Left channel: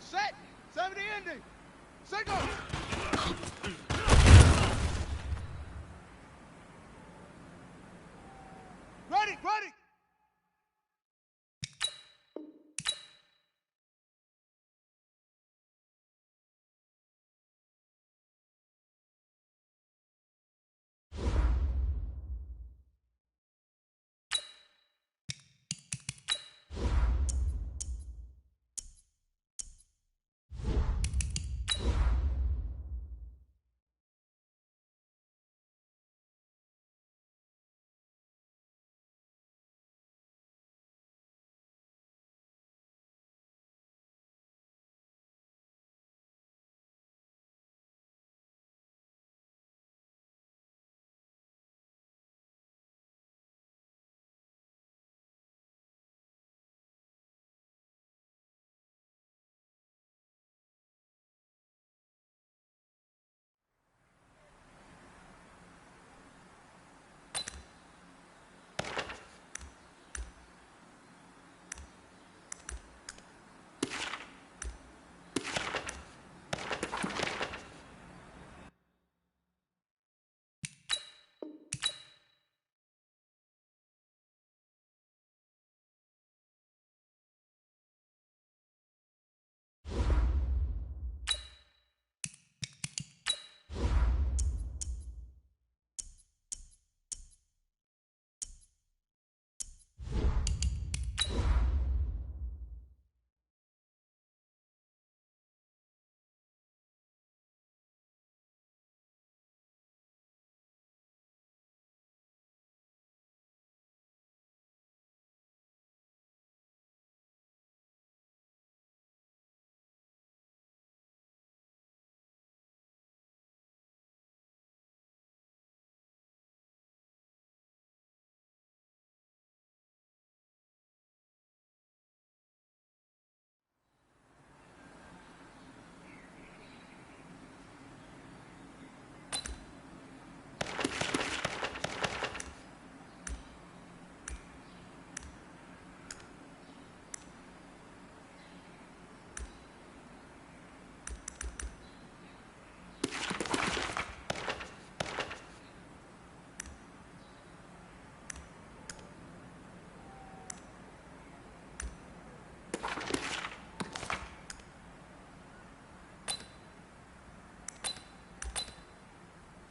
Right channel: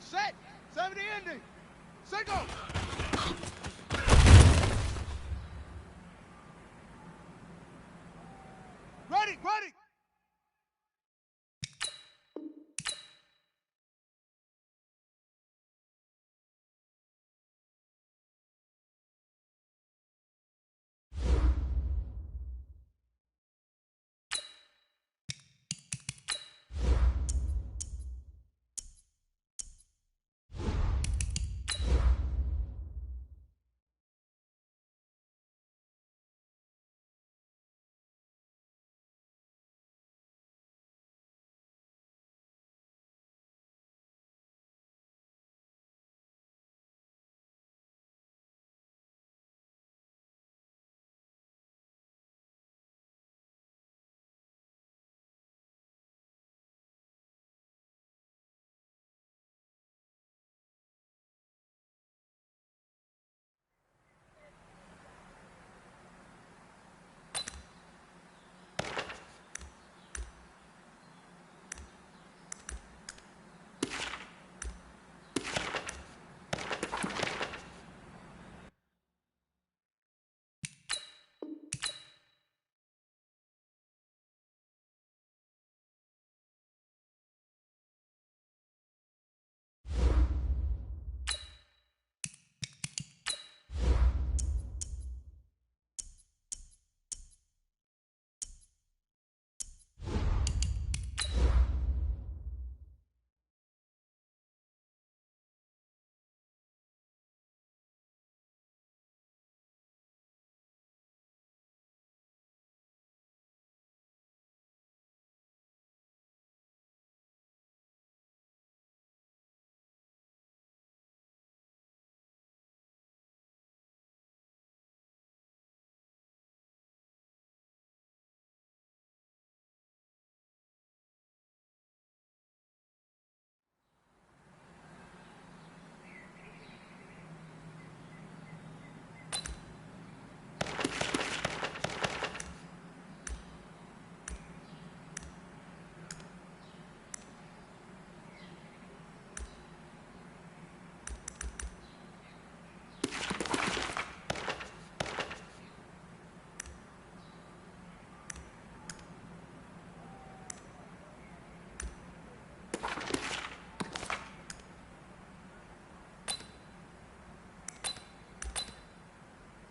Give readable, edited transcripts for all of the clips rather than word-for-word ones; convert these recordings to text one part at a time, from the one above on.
set. 70 ending. Single. Ready, ready.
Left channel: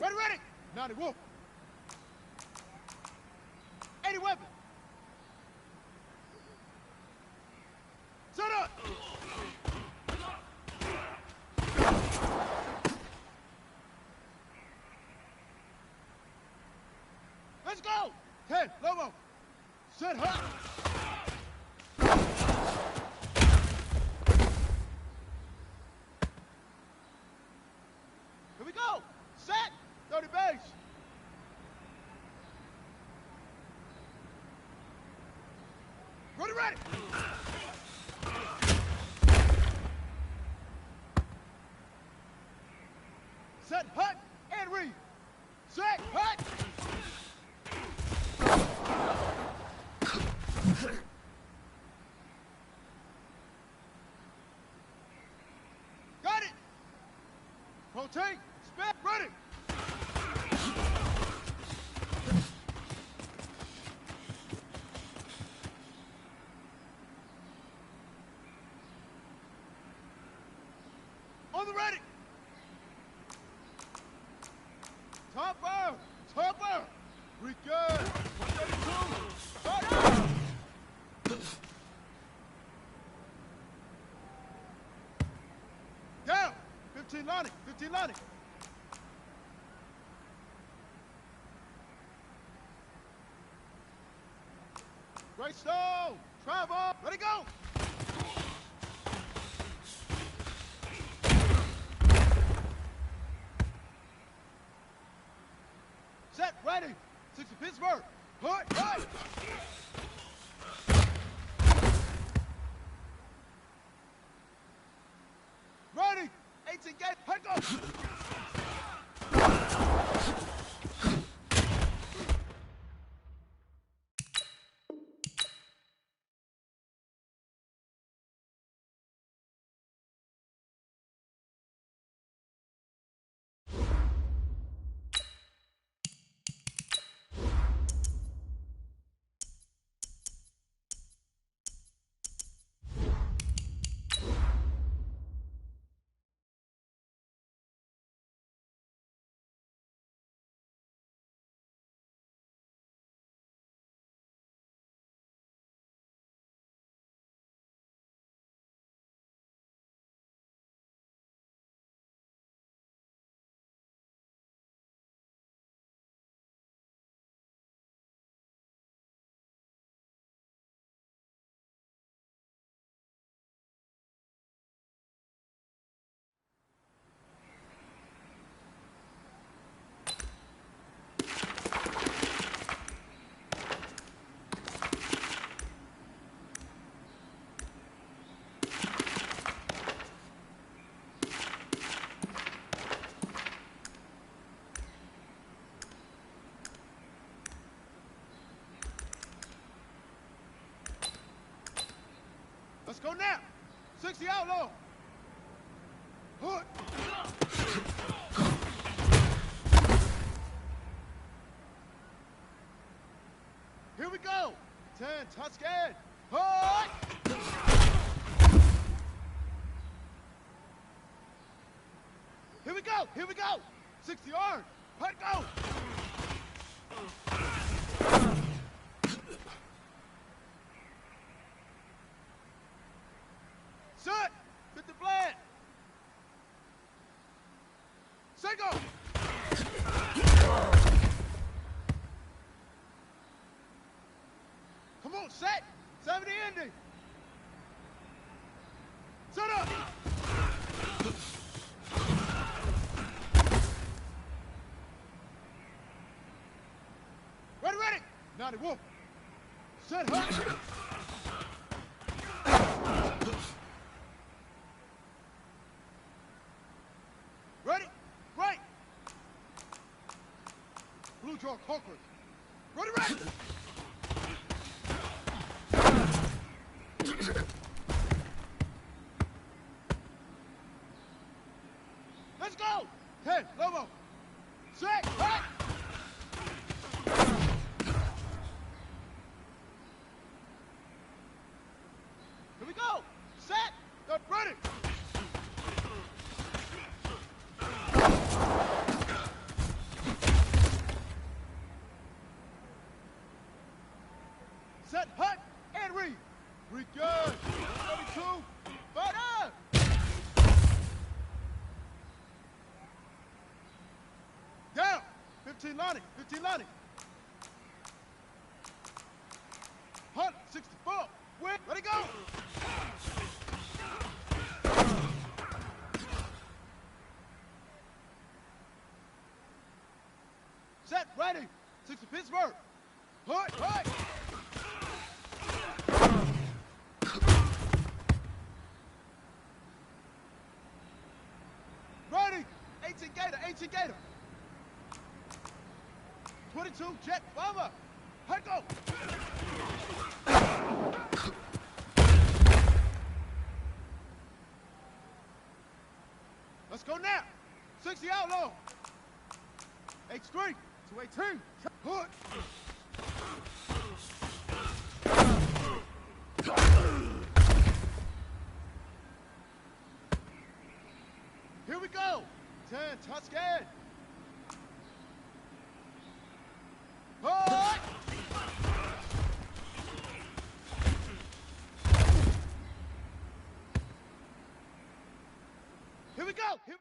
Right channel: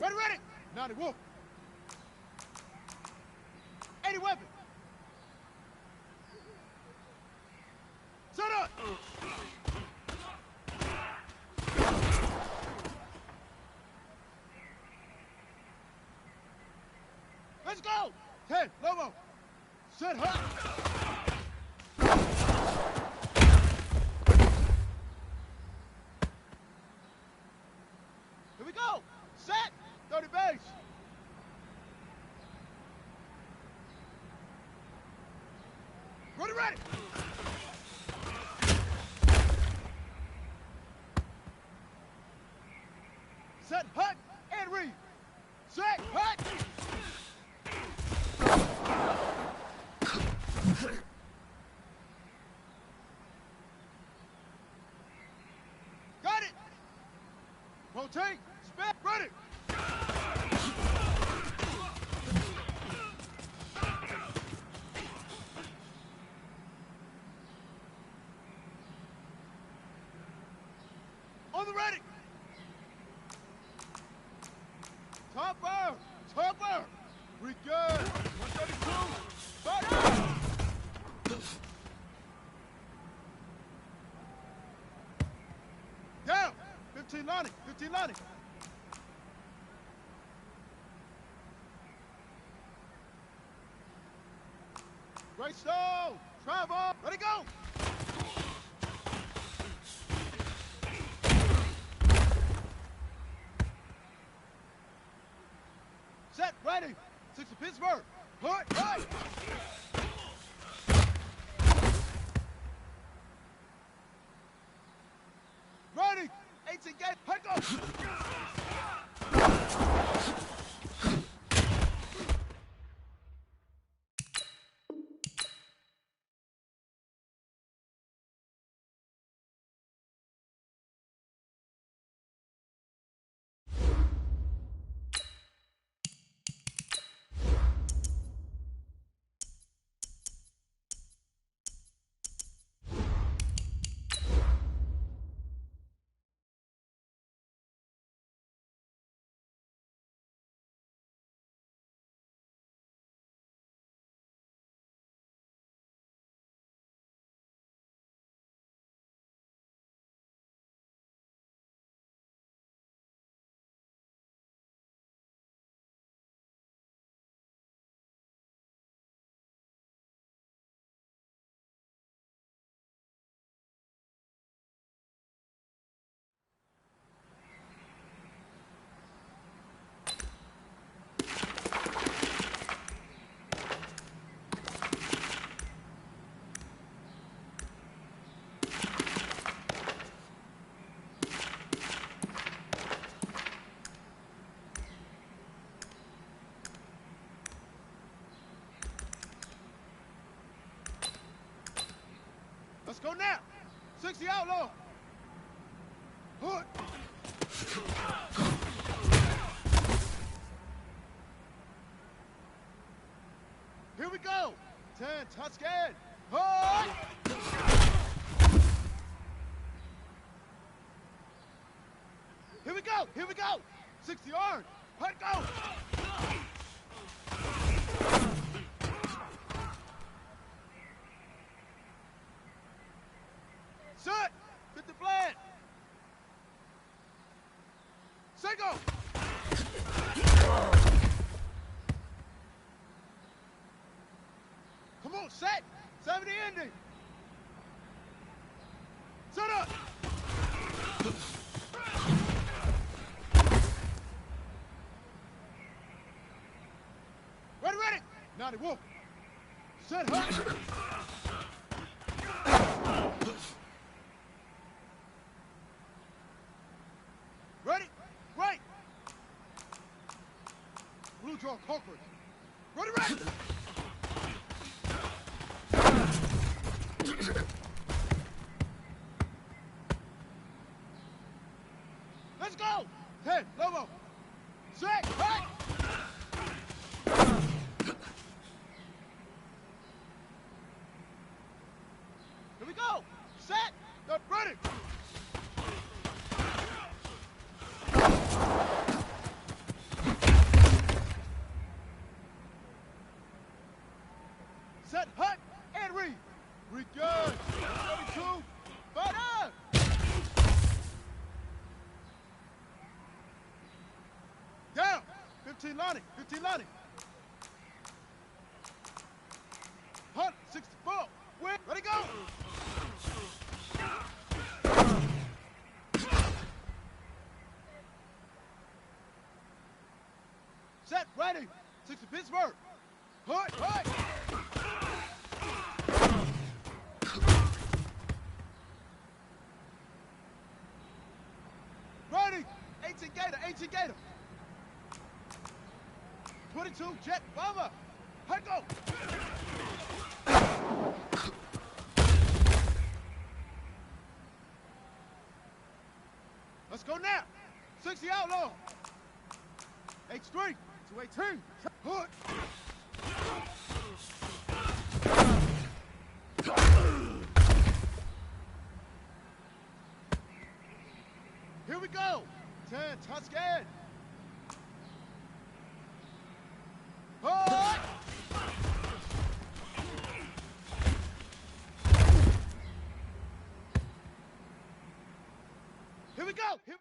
Ready, ready. 90, whoa. 80 weapon. Set up. Let's go. 10, Lobo. Set hot. Here we go. Set. 30 base. Ready, ready. Set, hut, and read. Set, hut. Got it. Rotate. Spin. Ready. On the ready. Topper. Topper. We good. 132. Fire. Down. 15 lining. 15 lining. Great stone. Travel. Ready, go. Set, ready. 6 to Pittsburgh. Put, right. Ready. 18 gate. Head go. 60 outlaw. Hood. Here we go. 10, Tuscan. Hood. Here we go. Here we go. 60 orange. Hut go. Set. 50 flat. Single. Come on, set. 70 ending. Set up. Ready, ready. 90 wolf. Set hut. Ready? Right. Blue jaw conquerors. Ready, ready. Let's go. 10, Lobo. Set, right. Here we go. Set. They're ready. Set, hut, and read. Read good. 32. Fire. Down. 15 Lonnie. 15 Lonnie. Hunt. 64. Win. Ready, go. Set, ready. 60 Pittsburgh. Hut, hut. Ready. 18 Gator, 18 Gator. 22 Jet Bomber. Hut, go. Let's go now. 60 outlaw. H3 to 18. Hood. Here we go. 10 Tuscan. Hood. Here we go. Here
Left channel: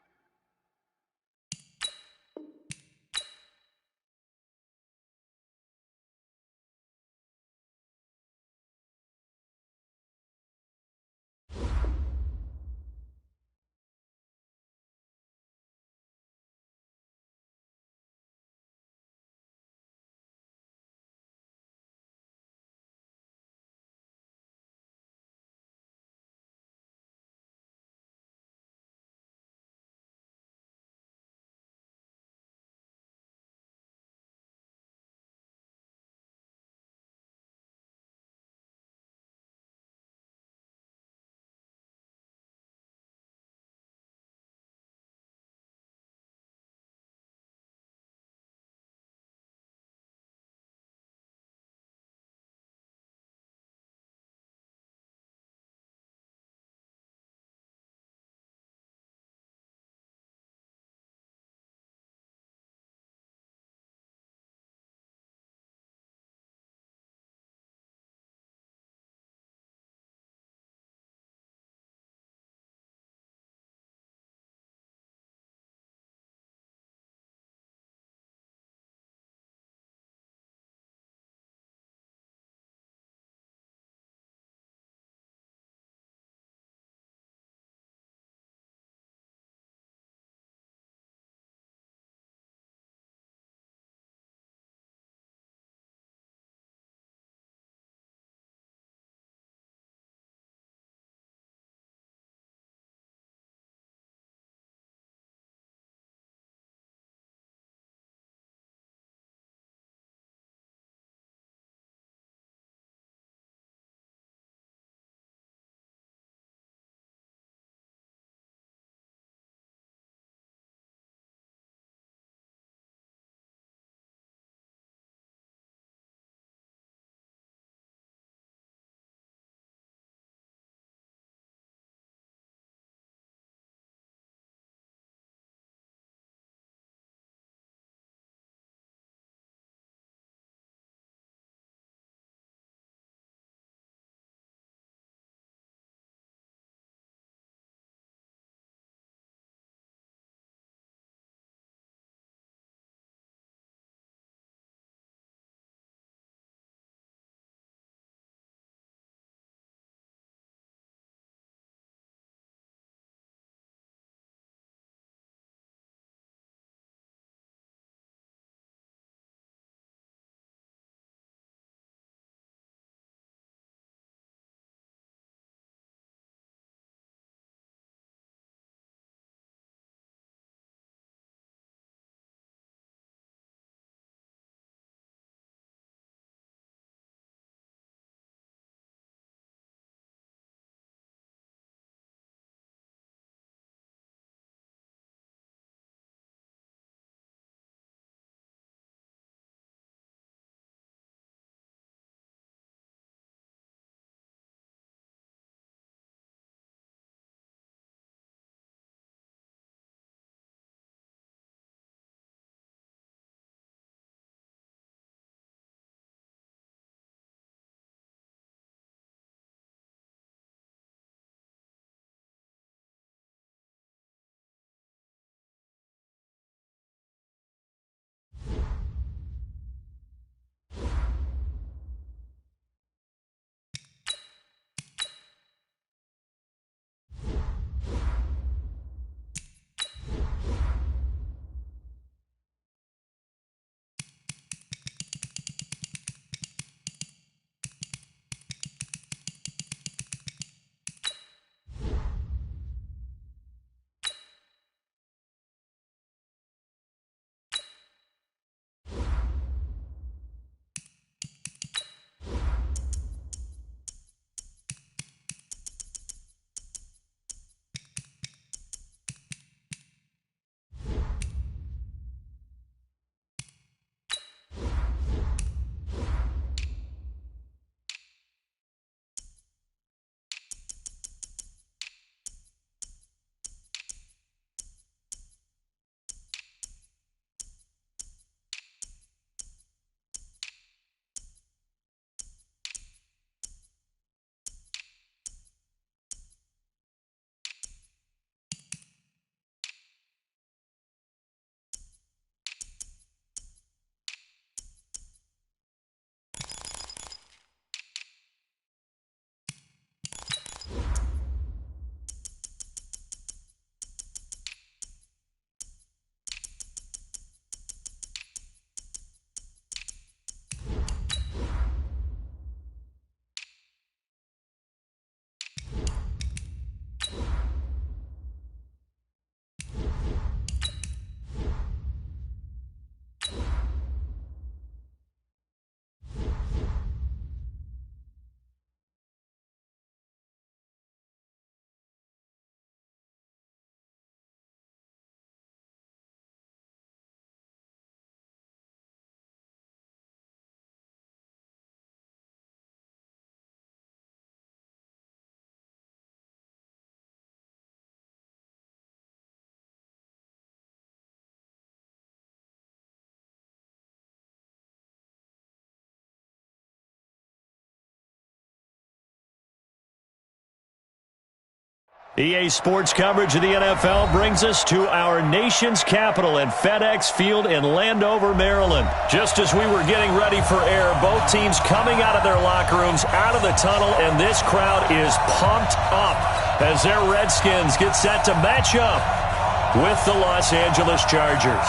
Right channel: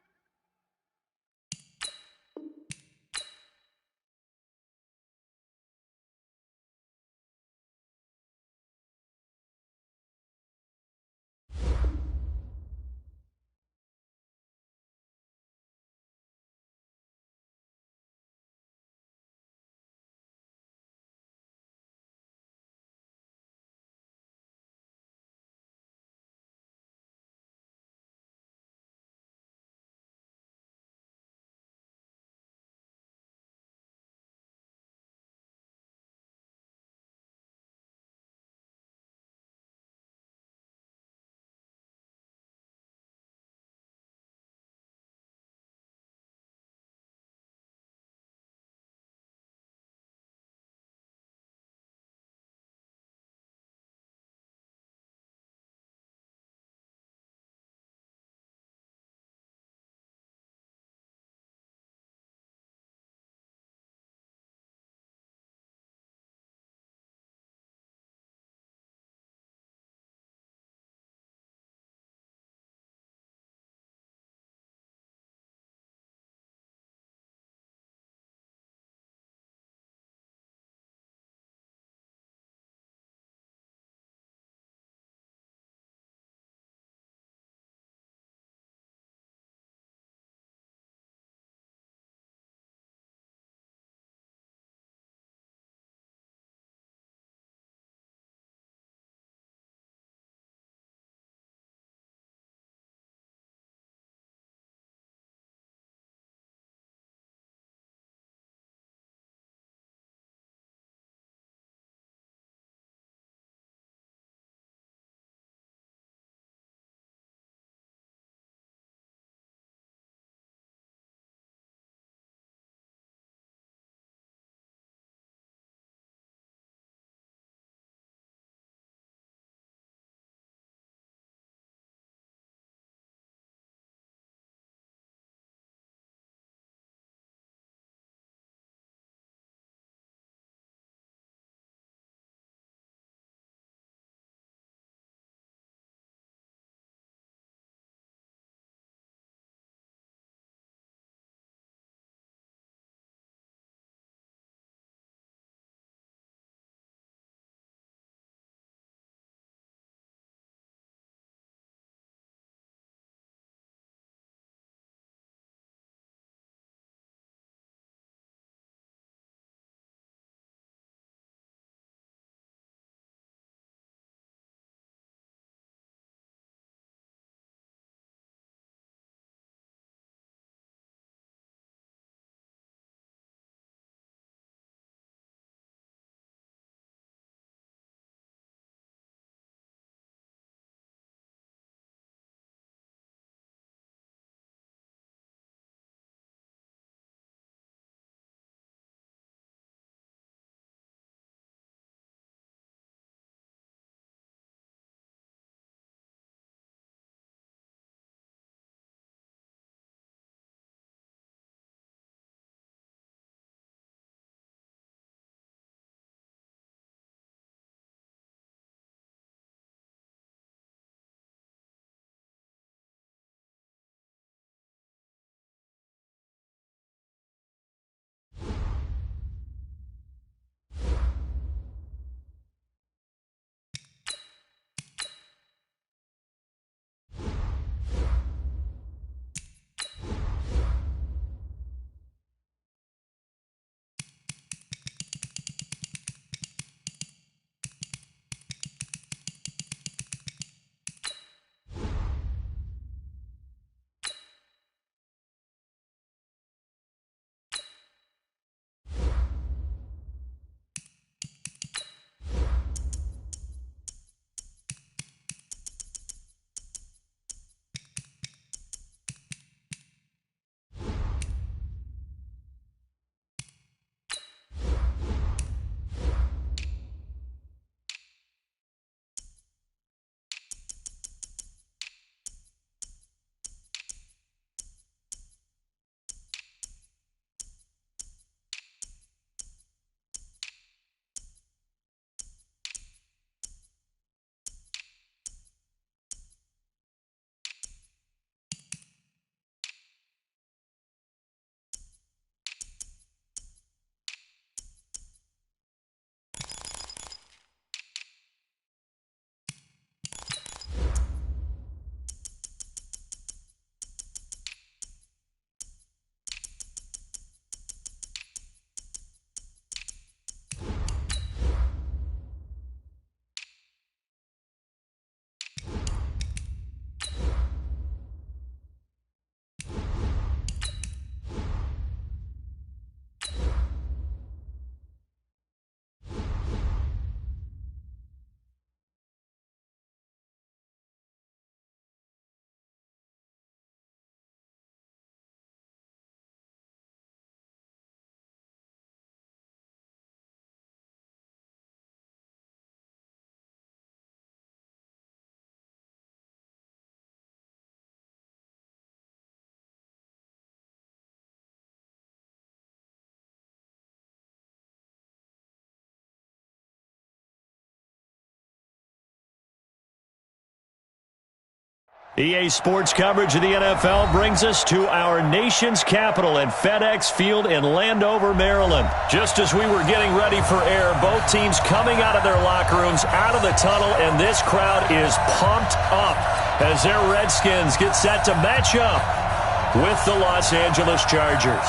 EA Sports coverage of the NFL brings us to our nation's capital at FedEx Field in Landover, Maryland. Just as we were getting ready for air, both teams coming out of their locker rooms, out of the tunnel, and this crowd is pumped up as their Redskins get set to match up with the Los Angeles Chargers.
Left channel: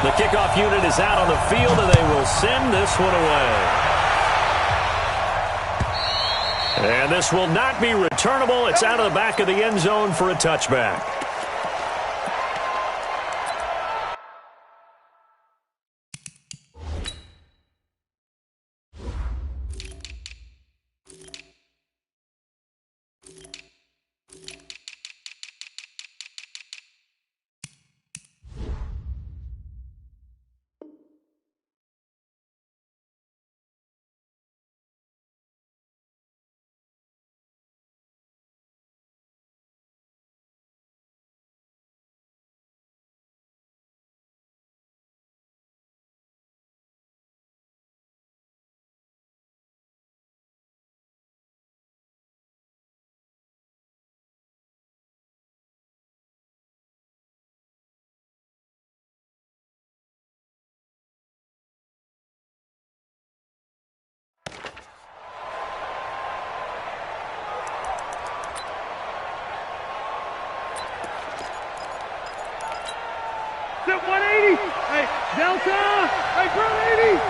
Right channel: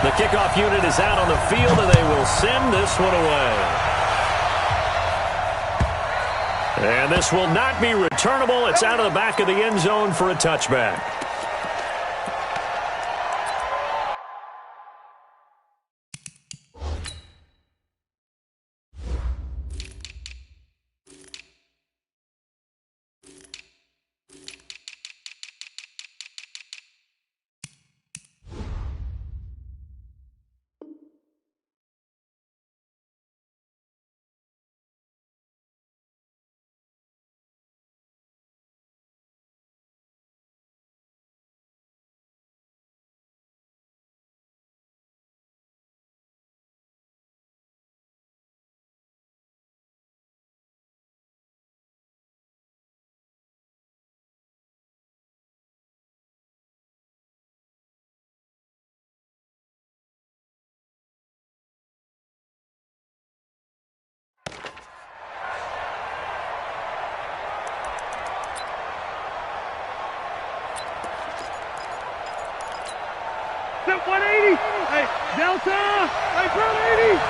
The kickoff unit is out on the field, and they will send this one away. And this will not be returnable. It's out of the back of the end zone for a touchback. Set 180. Hey, Delta. Hey, front 80.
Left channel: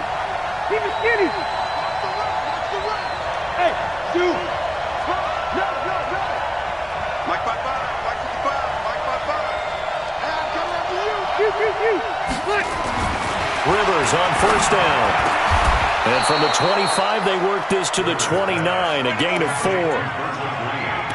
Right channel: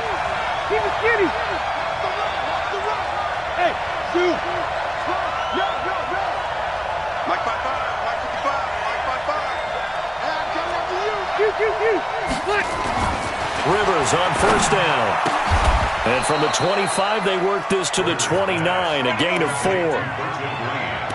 Keep it skinny. Watch the run. Watch the run. Hey, shoot. Go, go, go. Mike 55. Mike 55. Mike 55. Hey, I'm coming after you. Shoot. What? Rivers on first down. And from the 25, they work this to the 29, a gain of 4.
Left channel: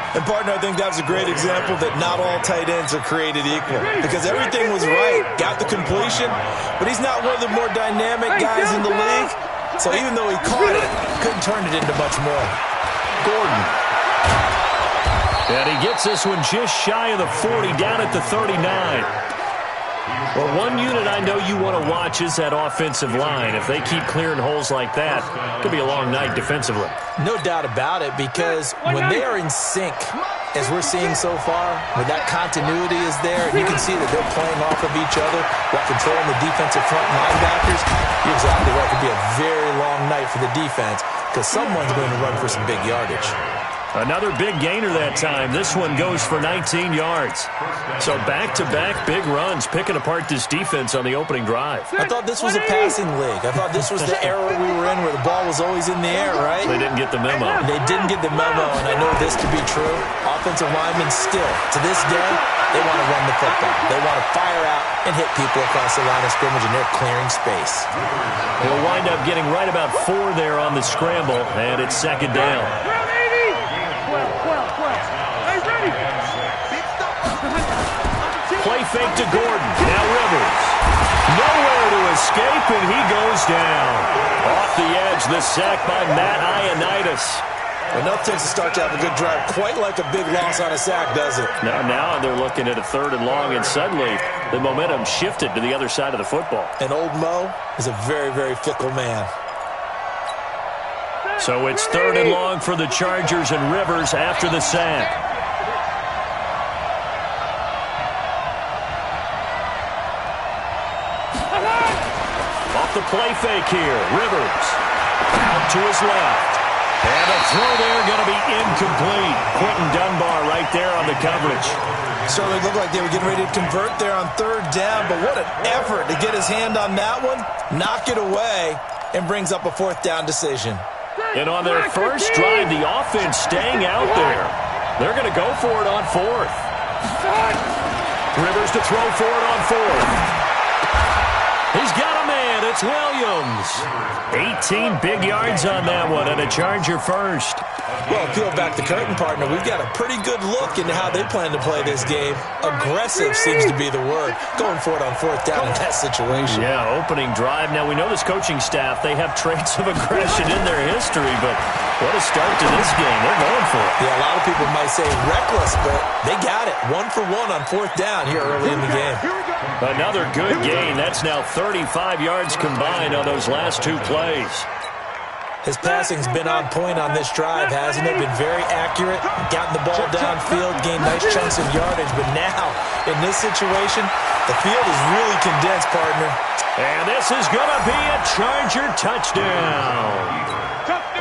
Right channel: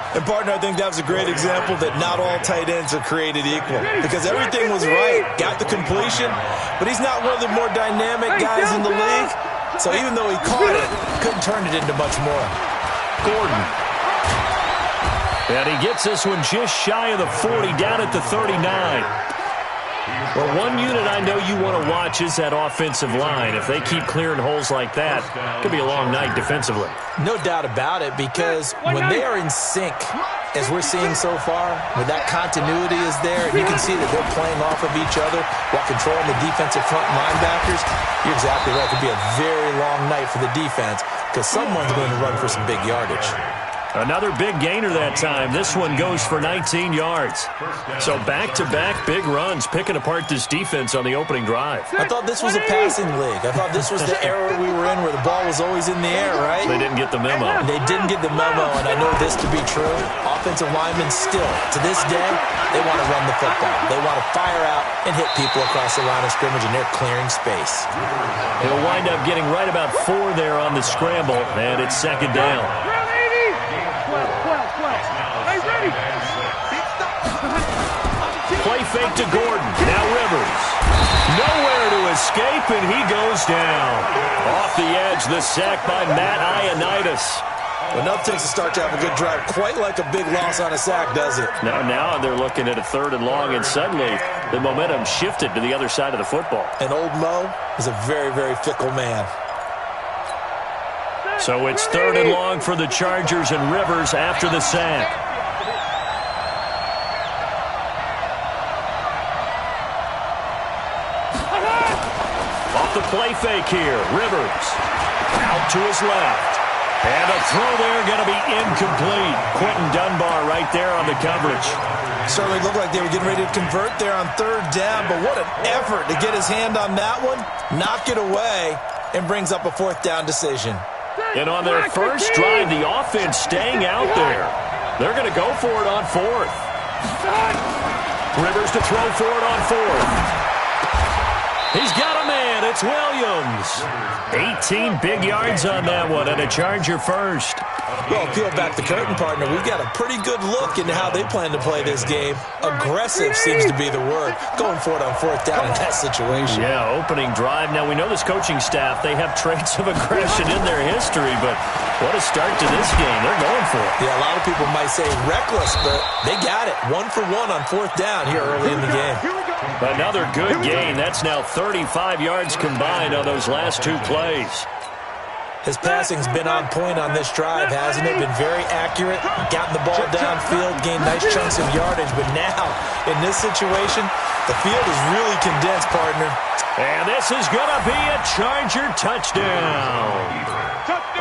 And, partner, I think that was a great example that not all tight ends are created equal. Because everything was right. Got the completion, but he's not one of the more dynamic guys in the league. So even though he caught it, couldn't turn it into much more. Gordon. And he gets this one just shy of the 40, down at the 39. Well, one unit I know you want to watch is that offensive line. If they keep clearing holes like that, it could be a long night defensively. No doubt about it, because when they are in sync, as we're seeing so far, when that continuity is there, and you can see that they're playing off of each other while controlling the defensive front linebackers, you're exactly right. It could be a very long night for the defense because someone's going to run for some big yardage. Another big gainer that time. This one goes for 19 yards. So back-to-back big runs, picking apart this defense on the opening drive. I thought this was a passing league. I thought this was the era we were in where the ball was always in the air, right? They didn't get the memo. They didn't get the memo, and I know this to be true. Offensive linemen still, to this day, they want to run the football. They want to fire out and hit people across the line of scrimmage, and they're clearing space. He'll wind up getting right about 4 there on the scramble, and it's second down. 12. Hey, ready. Play fake to Gordon. Now Rivers. Nowhere to escape, and he goes down. Off the edge, the sack by Matt Ioannidis. Enough takes to start to have a good drive. Quite like a big loss on a sack, does it? Now they're looking at a 3rd and long, and suddenly the momentum shifted to the other side of the football. And old Mo is a very, very fickle man. So it's 3rd and long for the Chargers, and Rivers after the sack. Off the play fake here, Rivers out to his left. And a throw there going to be incomplete. Quentin Dunbar right there on the coverage. Certainly looked like they were getting ready to convert there on 3rd down, but what an effort to get his hand on that one, knock it away, and brings up a 4th down decision. And on their first drive, the offense staying out there. They're going to go for it on 4th. Rivers to throw for it on 4th. He's got a man. It's Williams. 18 big yards on that one, and a Charger first. Well, peel back the curtain, partner. We've got a pretty good look into how they plan to play this game. Aggressive seems to be the word. Going for it on 4th down in that situation. Yeah, opening drive. Now, we know this coaching staff, they have traits of aggression in their history, but what a start to this game. They're going for it. Yeah, a lot of people might say reckless, but they got it. 1 for 1 on 4th down here early in the game. Another good gain. That's now 35 yards combined on those last 2 plays. His passing's been on point on this drive, hasn't it? Been very accurate, gotten the ball downfield, gained nice chunks of yardage. But now, in this situation, the field is really condensed, partner. And this is going to be a Charger touchdown.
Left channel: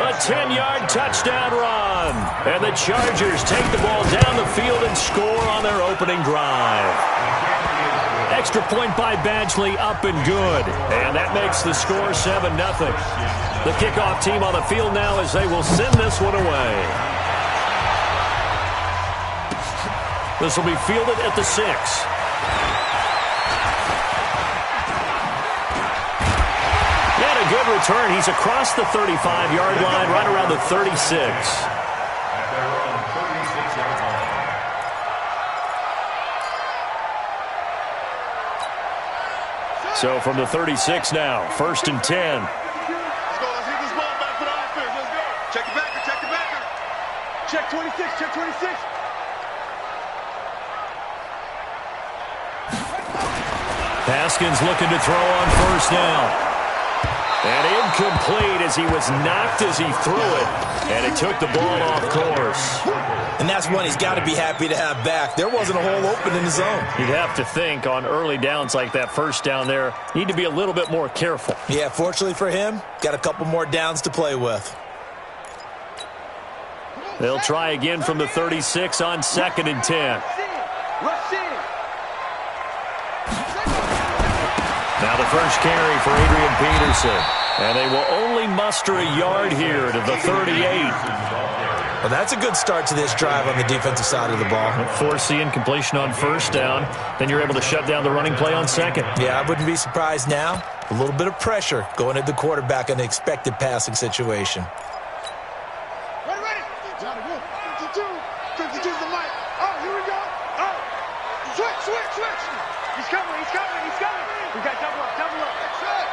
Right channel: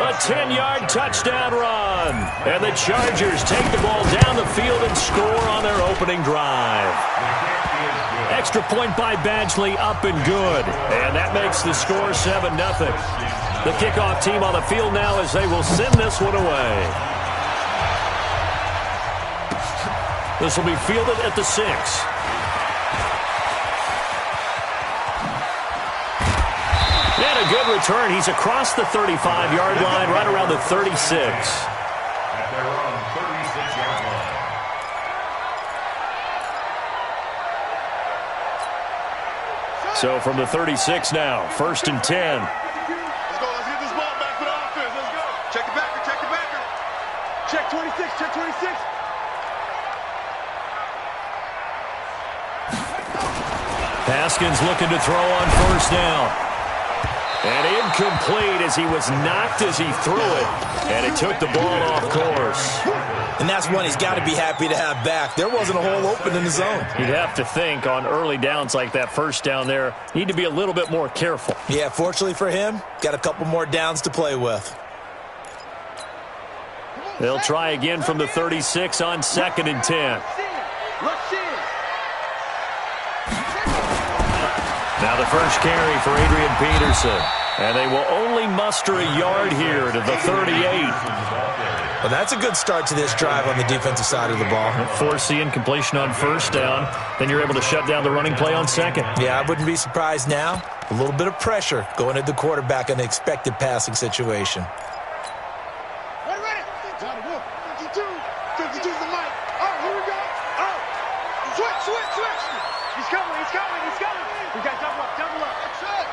A 10-yard touchdown run. And the Chargers take the ball down the field and score on their opening drive. Extra point by Badgley, up and good. And that makes the score 7-0. The kickoff team on the field now as they will send this one away. This will be fielded at the 6. And a good return. He's across the 35-yard line, right around the 36. At their own 36-yard line. So from the 36 now, 1st and 10. Let's go. Let's get this ball back for the offense. Let's go. Check the backer. Check the backer. Check 26. Check 26. Haskins looking to throw on 1st down. And incomplete as he was knocked as he threw it. And it took the ball off course. And that's one he's got to be happy to have back. There wasn't a hole open in the zone. You'd have to think on early downs like that 1st down there, need to be a little bit more careful. Yeah, fortunately for him, got a couple more downs to play with. They'll try again from the 36 on 2nd and 10. Rush in. Now the first carry for Adrian Peterson. And they will only muster a yard here to the 38. Well, that's a good start to this drive on the defensive side of the ball. Force the incompletion on 1st down. Then you're able to shut down the running play on 2nd. Yeah, I wouldn't be surprised now. A little bit of pressure going at the quarterback in an expected passing situation. Ready. Johnny, go. 52. 52's the mic. All right, here we go. All right. Switch. He's coming. We got double up. That's it.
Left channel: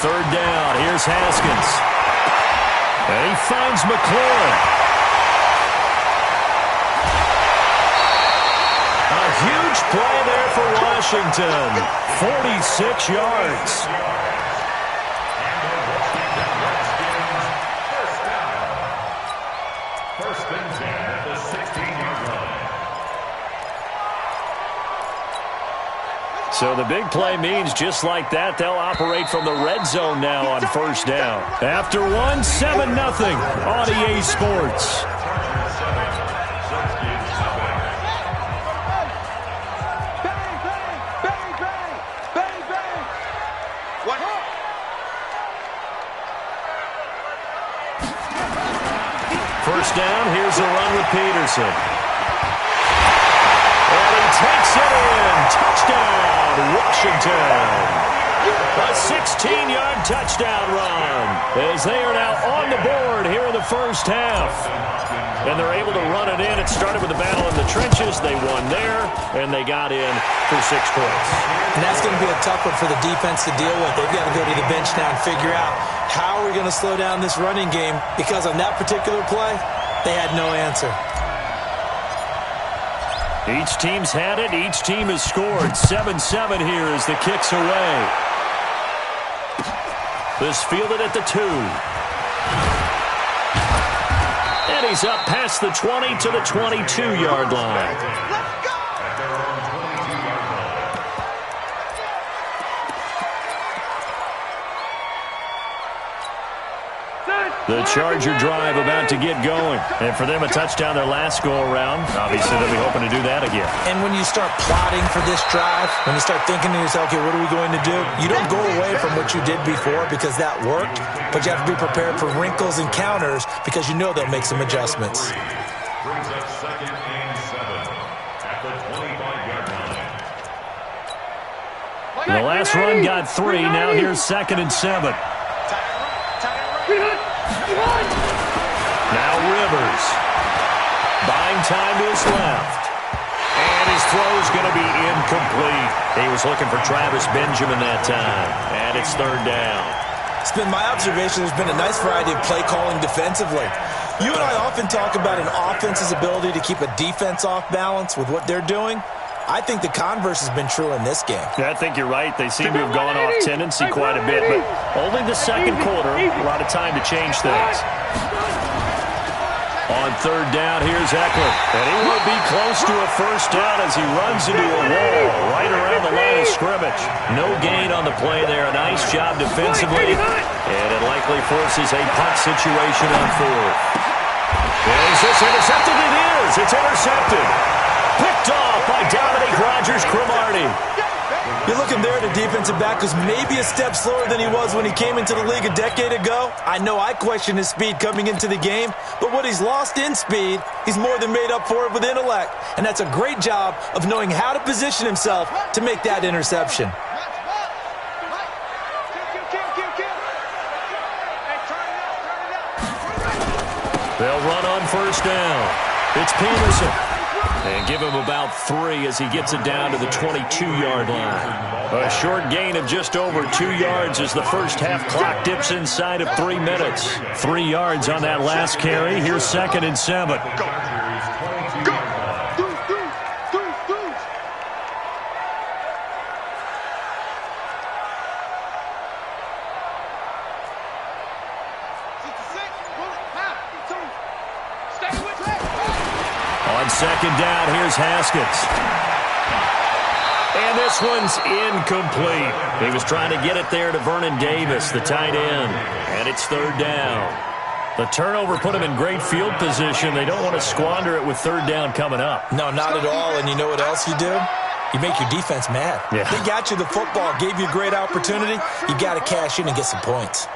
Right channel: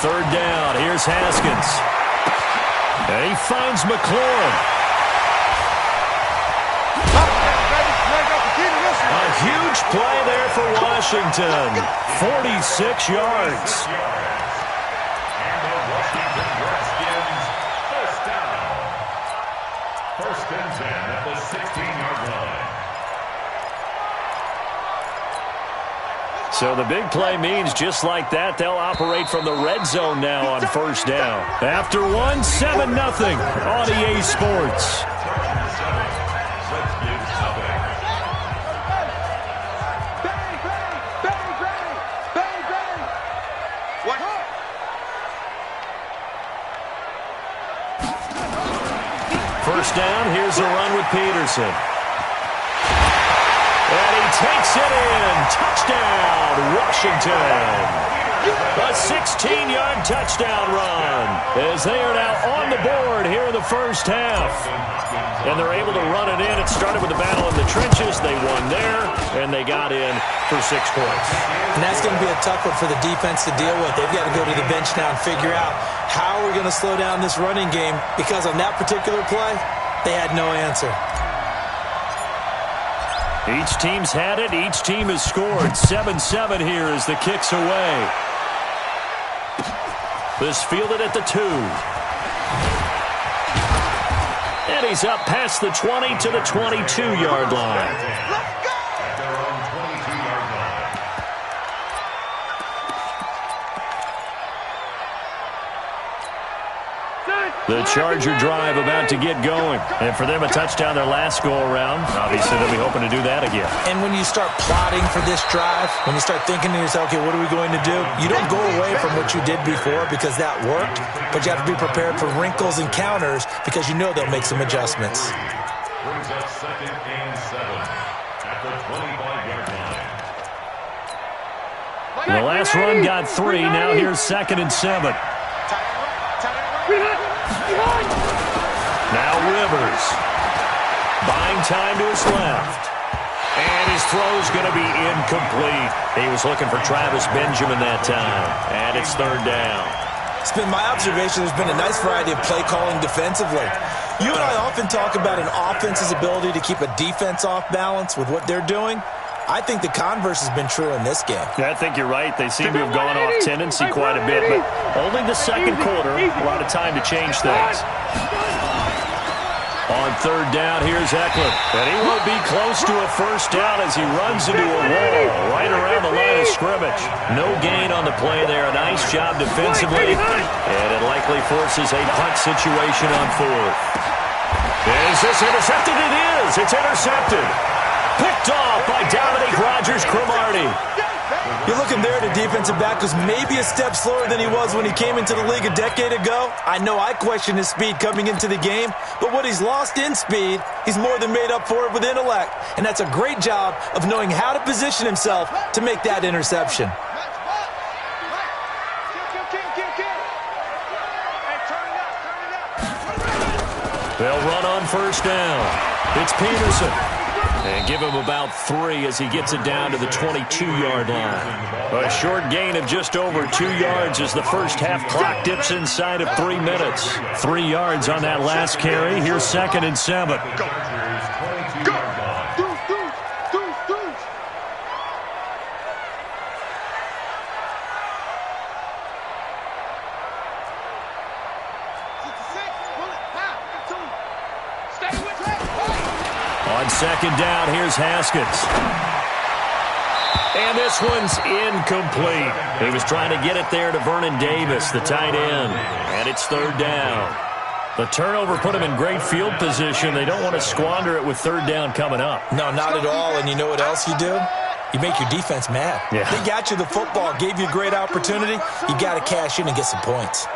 3rd down. Here's Haskins. And he finds McLaurin. A huge play there for Washington. 46 yards. And the Washington Redskins, 1st down. 1st and 10 at the 16-yard line. So the big play means just like that, they'll operate from the red zone now on 1st down. After one, 7-0 on EA Sports. Chargers 7, Redskins 7. Bang. What? 1st down, here's a run with Peterson. And he takes it in. Touchdown, Washington. A 16-yard touchdown run as they are now on the board here in the 1st half. And they're able to run it in. It started with a battle in the trenches. They won there, and they got in for 6 points. And that's going to be a tough one for the defense to deal with. They've got to go to the bench now and figure out how are we going to slow down this running game, because on that particular play, they had no answer. Each team's had it. Each team has scored. 7-7 here as the kick's away. This fielded at the 2. And he's up past the 20 to the 22-yard line. Let's go. At their own 22-yard line. The Charger drive about to get going. And for them, a touchdown their last go-around. Obviously, they'll be hoping to do that again. And when you start plotting for this drive, when you start thinking to yourself, okay, what are we going to do? You don't go away from what you did before because that worked, but you have to be prepared for wrinkles and counters because you know they'll make some adjustments. Brings up 2nd and 7 at the 25-yard line. The last run got 3. Now here's 2nd and 7. Now Rivers. Buying time to his left. And his throw's going to be incomplete. He was looking for Travis Benjamin that time. And it's 3rd down. It's been my observation there's been a nice variety of play calling defensively. You and I often talk about an offense's ability to keep a defense off balance with what they're doing. I think the converse has been true in this game. Yeah, I think you're right. They seem to have gone off tendency quite a bit, but only the second quarter. A lot of time to change things. On third down, here's Eckler. And he will be close to a first down as he runs into a wall right around the line of scrimmage. No gain on the play there. A nice job defensively. And it likely forces a punt situation on fourth. Is this intercepted? It is. It's intercepted. Picked off by Dominique Rodgers-Cromartie. You're looking there at a defensive back who's maybe a step slower than he was when he came into the league a decade ago. I know I questioned his speed coming into the game, but what he's lost in speed, he's more than made up for it with intellect. And that's a great job of knowing how to position himself to make that interception. They'll run on first down. It's Peterson. And give him about 3 as he gets it down to the 22-yard line. A short gain of just over 2 yards as the first half clock dips inside of 3 minutes. 3 yards on that last carry. Here's 2nd and 7. Go. On second down, here's Haskins. And this one's incomplete. He was trying to get it there to Vernon Davis, the tight end. And it's third down. The turnover put him in great field position. They don't want to squander it with third down coming up. No, not at all. And you know what else you do? You make your defense mad. Yeah. They got you the football, gave you a great opportunity. You got to cash in and get some points.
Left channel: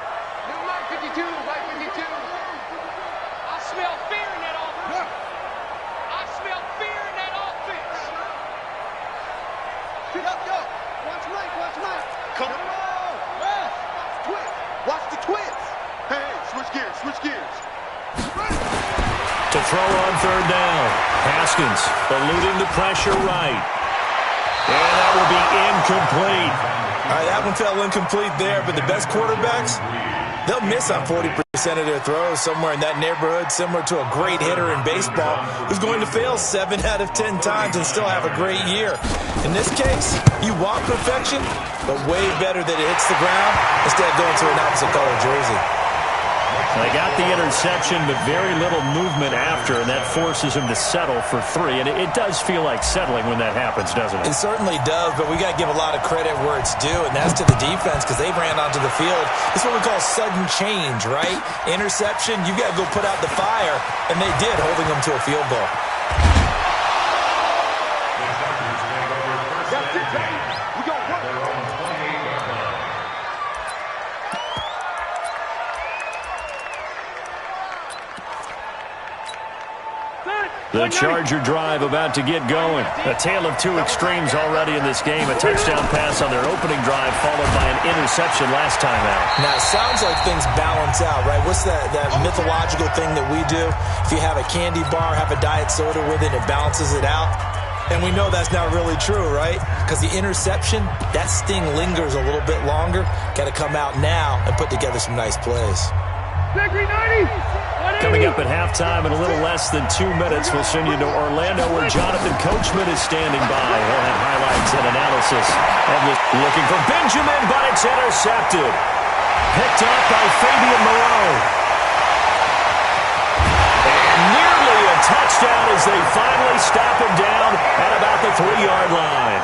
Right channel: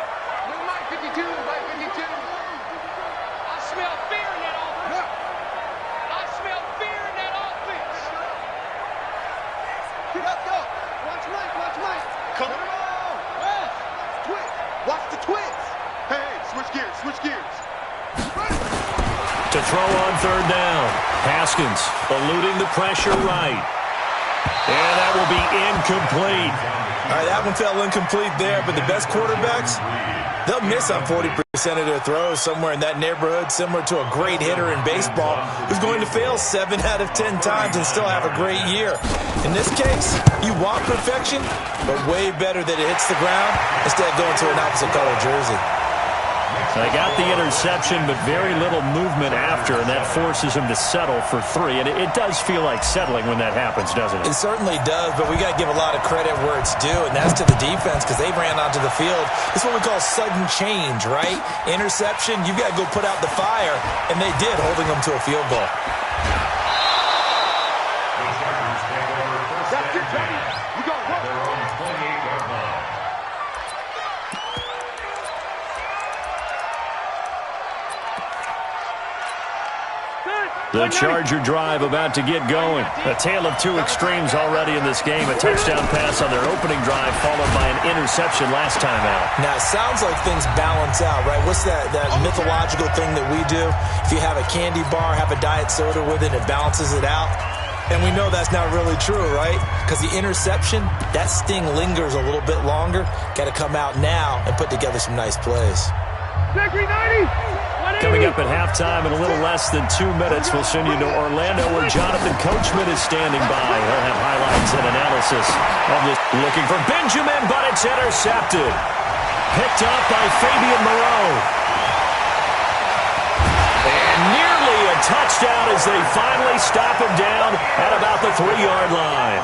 Switch gears. To throw on third down. Haskins eluding the pressure right. And that will be incomplete. All right, that one fell incomplete there, but the best quarterbacks, they'll miss on 40% of their throws, somewhere in that neighborhood, similar to a great hitter in baseball who's going to fail 7 out of 10 times and still have a great year. In this case, you want perfection, but way better that it hits the ground instead of going to an opposite color jersey. They got the interception, but very little movement after, and that forces him to settle for 3. And it does feel like settling when that happens, doesn't it? It certainly does, but we got to give a lot of credit where it's due, and that's to the defense because they ran onto the field. It's what we call sudden change, right? Interception, you've got to go put out the fire, and they did, holding them to a field goal. That's it, baby. We got work. Their own 28-yard line. The Charger drive about to get going. A tale of 2 extremes already in this game. A touchdown pass on their opening drive followed by an interception last time out. Now, it sounds like things balance out, right? What's that mythological thing that we do? If you have a candy bar, have a diet soda with it, it balances it out. And we know that's not really true, right? Because the interception, that sting lingers a little bit longer. Got to come out now and put together some nice plays. Coming up at halftime in a little less than 2 minutes, we'll send you to Orlando where Jonathan Coachman is standing by. He'll have highlights and analysis of this. Looking for Benjamin, but it's intercepted. Picked up by Fabian Moreau. And nearly a touchdown as they finally stop him down at about the 3-yard line.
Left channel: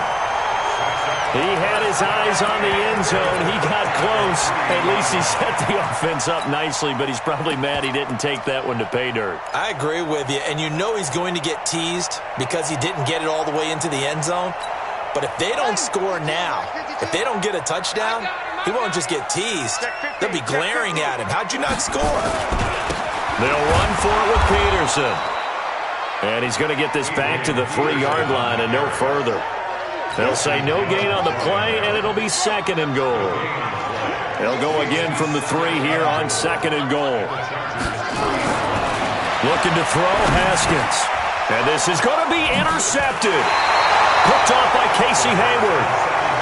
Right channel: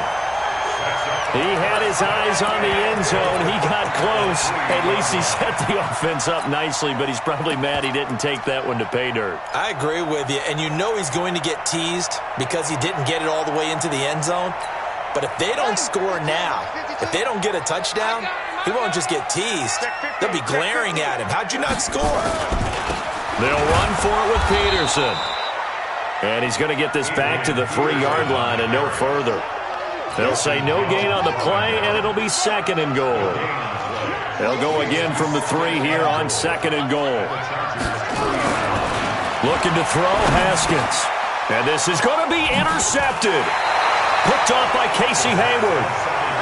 He had his eyes on the end zone. He got close. At least he set the offense up nicely, but he's probably mad he didn't take that one to pay dirt. I agree with you, and you know he's going to get teased because he didn't get it all the way into the end zone. But if they don't score now, if they don't get a touchdown, he won't just get teased. They'll be glaring at him. How'd you not score? They'll run for it with Peterson. And he's going to get this back to the 3-yard line and no further. They'll say no gain on the play, and it'll be 2nd and goal. They'll go again from the 3 here on 2nd and goal. Looking to throw, Haskins. And this is going to be intercepted. Picked off by Casey Hayward.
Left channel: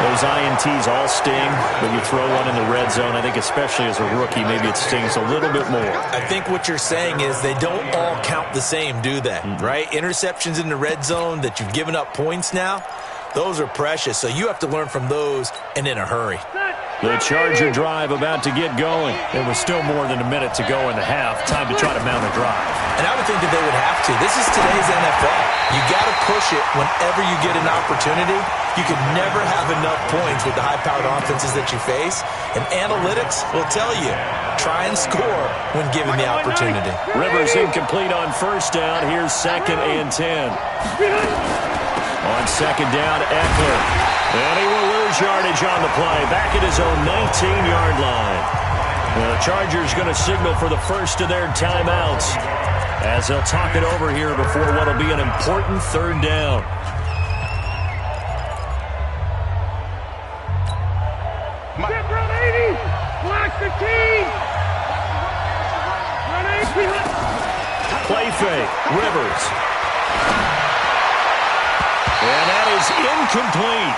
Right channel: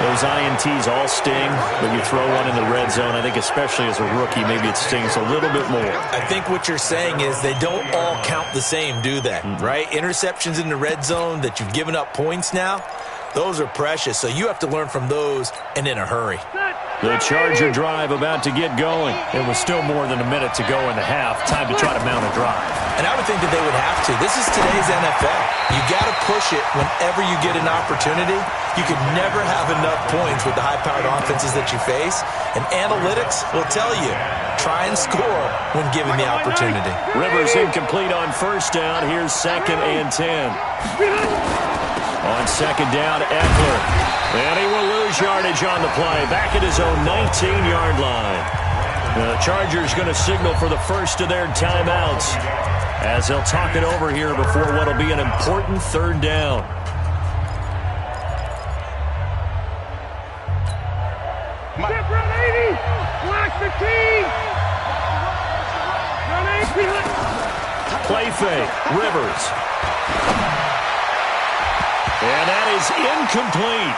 Those INTs all sting, but you throw one in the red zone. I think especially as a rookie, maybe it stings a little bit more. I think what you're saying is they don't all count the same, do they? Right? Interceptions in the red zone that you've given up points now, those are precious. So you have to learn from those and in a hurry. The Charger drive about to get going. It was still more than a minute to go in the half. Time to try to mount a drive. And I would think that they would have to. This is today's NFL. You got to push it whenever you get an opportunity. You can never have enough points with the high-powered offenses that you face. And analytics will tell you, try and score when given the opportunity. Rivers incomplete on first down. Here's 2nd and 10. On 2nd down, Eckler. And he will lose yardage on the play. Back at his own 19-yard line. The Chargers going to signal for the first of their timeouts as they'll talk it over here before what will be an important 3rd down. Step run 80. Blocks the team. Run 80. Play fake. Rivers. And that is incomplete.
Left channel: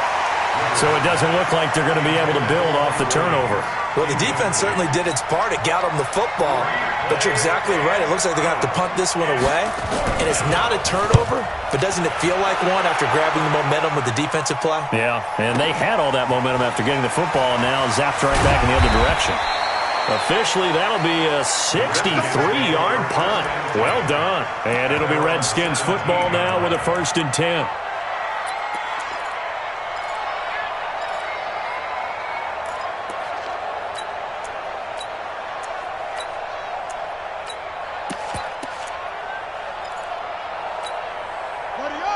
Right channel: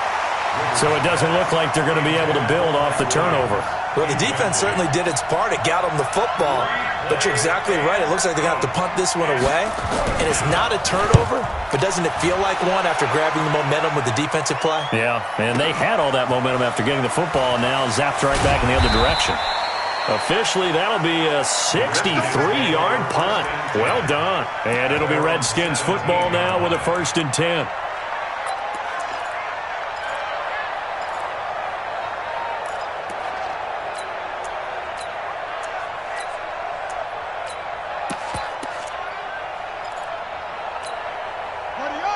So it doesn't look like they're going to be able to build off the turnover. Well, the defense certainly did its part. It got them the football. But you're exactly right. It looks like they're going to have to punt this one away. And it's not a turnover, but doesn't it feel like one after grabbing the momentum with the defensive play? Yeah, and they had all that momentum after getting the football and now zapped right back in the other direction. Officially, that'll be a 63-yard punt. Well done. And it'll be Redskins football now with a 1st and 10.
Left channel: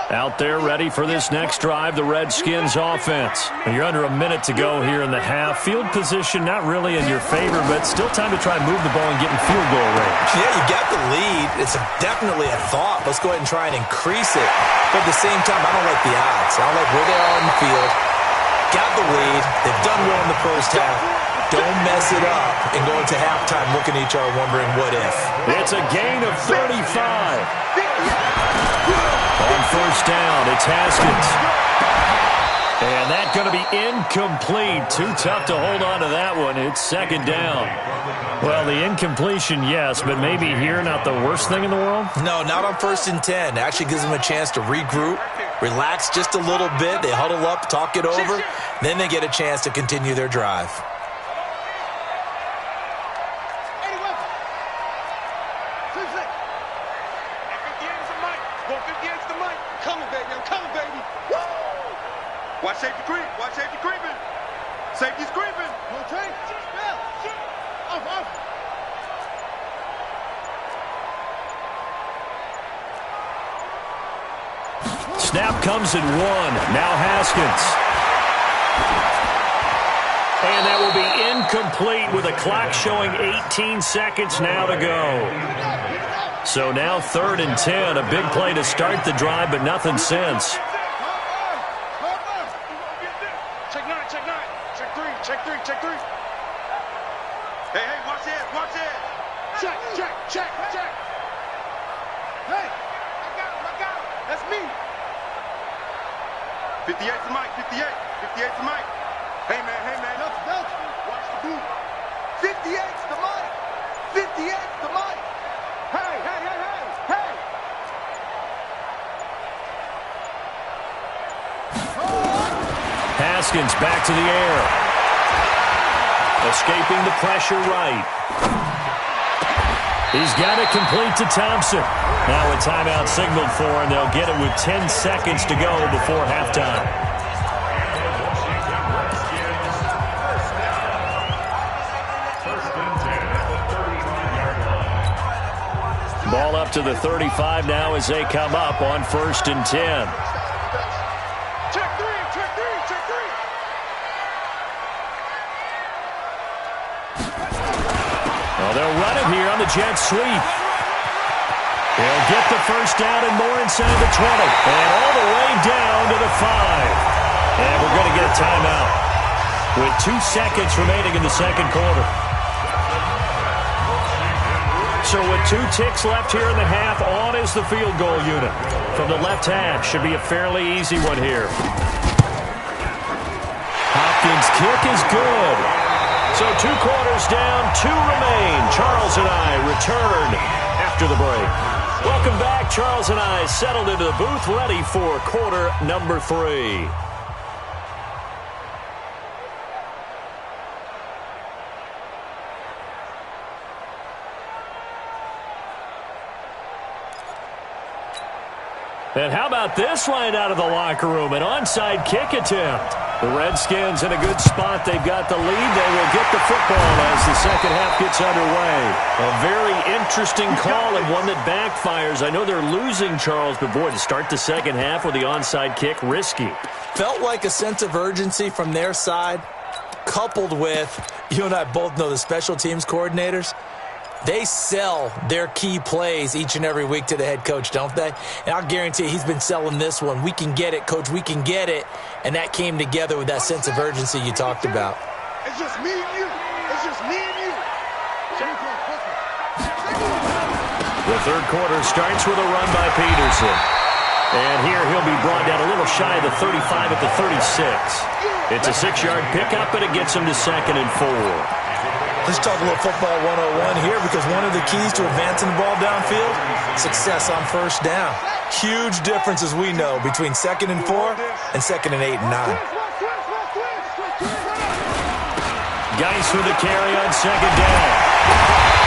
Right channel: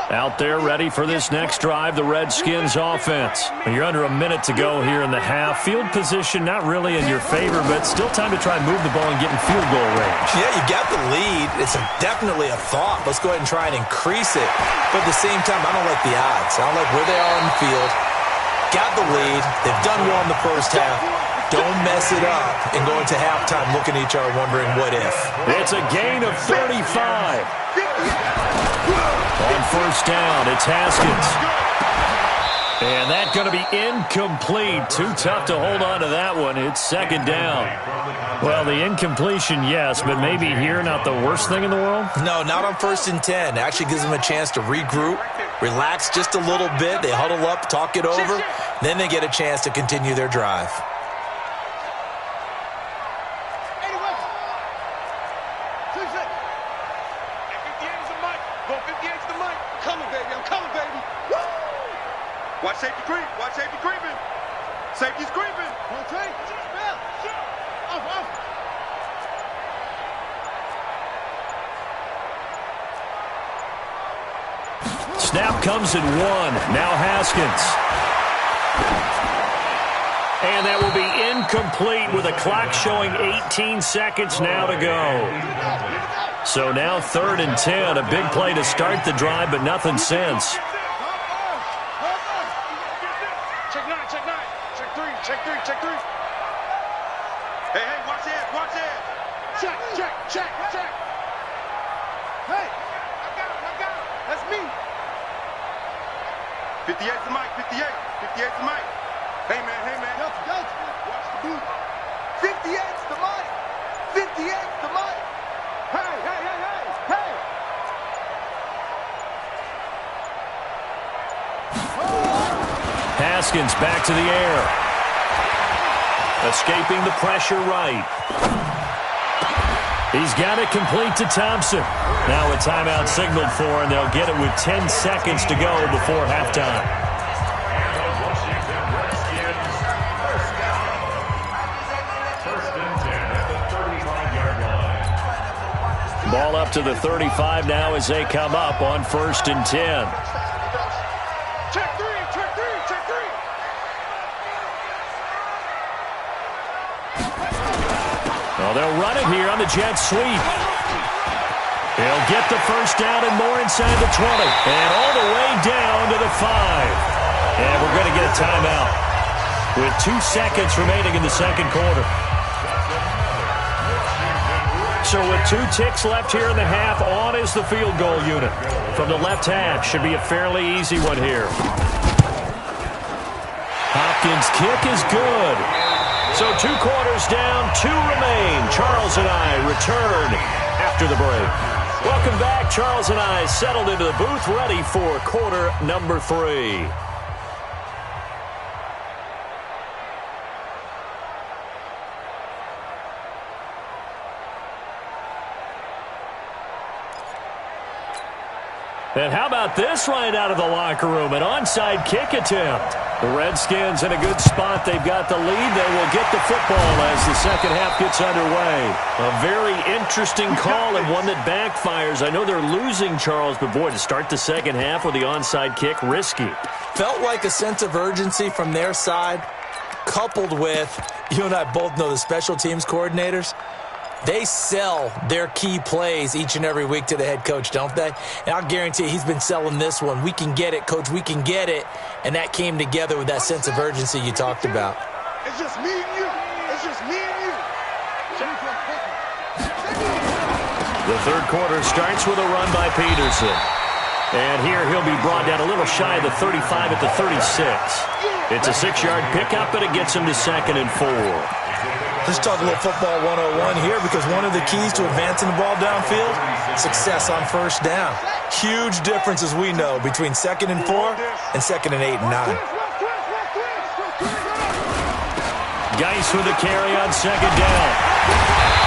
Out there ready for this next drive, the Redskins offense. You're under a minute to go here in the half. Field position not really in your favor, but still time to try and move the ball and get in field goal range. Yeah, you got the lead. It's definitely a thought. Let's go ahead and try and increase it. But at the same time, I don't like the odds. I don't like where they are on the field. Got the lead. They've done well in the first half. Don't mess it up and go into halftime looking at each other wondering what if. It's a gain of 35. On first down, it's Haskins. And that's going to be incomplete. Too tough to hold on to that one. It's 2nd down. Well, the incompletion, yes, but maybe here not the worst thing in the world? No, not on 1st and 10. It actually gives them a chance to regroup, relax just a little bit. They huddle up, talk it over. Then they get a chance to continue their drive. Watch safety creep. Watch safety creeping. Safety's creeping. Rotate. Spell. Shoot. Off. Snap comes at 1. Now Haskins. And that will be incomplete with a clock showing 18 seconds now to go. So now 3rd and 10. A big play to start the drive, but nothing since. Check 3. Hey, watch it. Check. Hey, I got him. That's me. 58's the mic, 58's the mic. Hey, man. Delta. Watch the boot. 58's the mic. Hey. Haskins back to the air. Escaping the pressure right. He's got it complete to Thompson. Now a timeout signaled for, and they'll get it with 10 seconds to go before halftime. First and 10 at the 35-yard line. Ball up to the 35 now as they come up on 1st and 10. Check 3. Well, they'll run it here on the jet sweep. They'll get the first down and more inside the 20. And all the way down to the 5. And we're going to get a timeout with 2 seconds remaining in the 2nd quarter. So with 2 ticks left here in the half, on is the field goal unit. From the left hash, should be a fairly easy one here. Hopkins' kick is good. So 2 quarters down, 2 remain. Charles and I return after the break. Welcome back. Charles and I settled into the booth, ready for quarter number 3. And how about this right out of the locker room? An onside kick attempt. The Redskins in a good spot. They've got the lead. They will get the football as the second half gets underway. A very interesting call and one that backfires. I know they're losing, Charles, but boy, to start the second half with the onside kick, risky. Felt like a sense of urgency from their side, coupled with, you and I both know the special teams coordinators. They sell their key plays each and every week to the head coach, don't they? And I'll guarantee you he's been selling this one. We can get it, coach, we can get it. And that came together with that sense of urgency you talked about. It's just me and you. It's just me and you. The third quarter starts with a run by Peterson. And here he'll be brought down a little shy of the 35 at the 36. It's a 6-yard pickup, and it gets him to 2nd and 4. Let's talk a little football 101 here, because one of the keys to advancing the ball downfield, success on first down. Huge difference, as we know, between 2nd and 4 and 2nd and 8 and 9. Geis with the carry on 2nd down.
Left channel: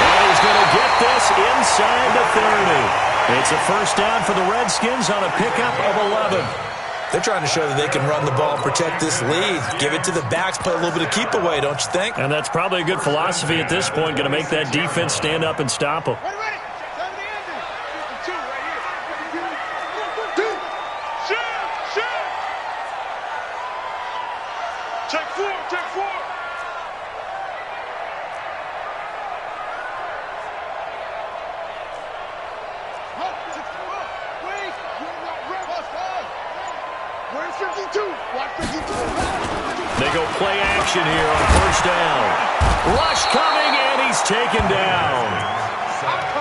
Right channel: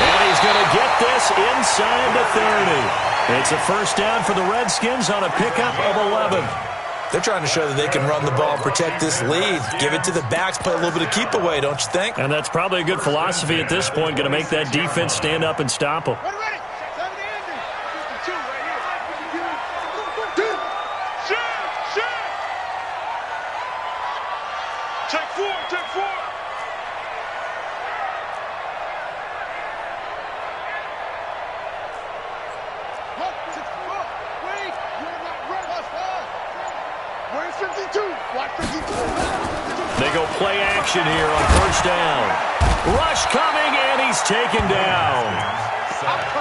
And he's going to get this inside the 30. It's a first down for the Redskins on a pickup of 11. They're trying to show that they can run the ball and protect this lead. Give it to the backs, play a little bit of keep away, don't you think? And that's probably a good philosophy at this point, going to make that defense stand up and stop them. Ready. Take four. Wait, you're not ready. Where's 52? Watch 52. They go play action here on first down. Rush coming, and he's taken down.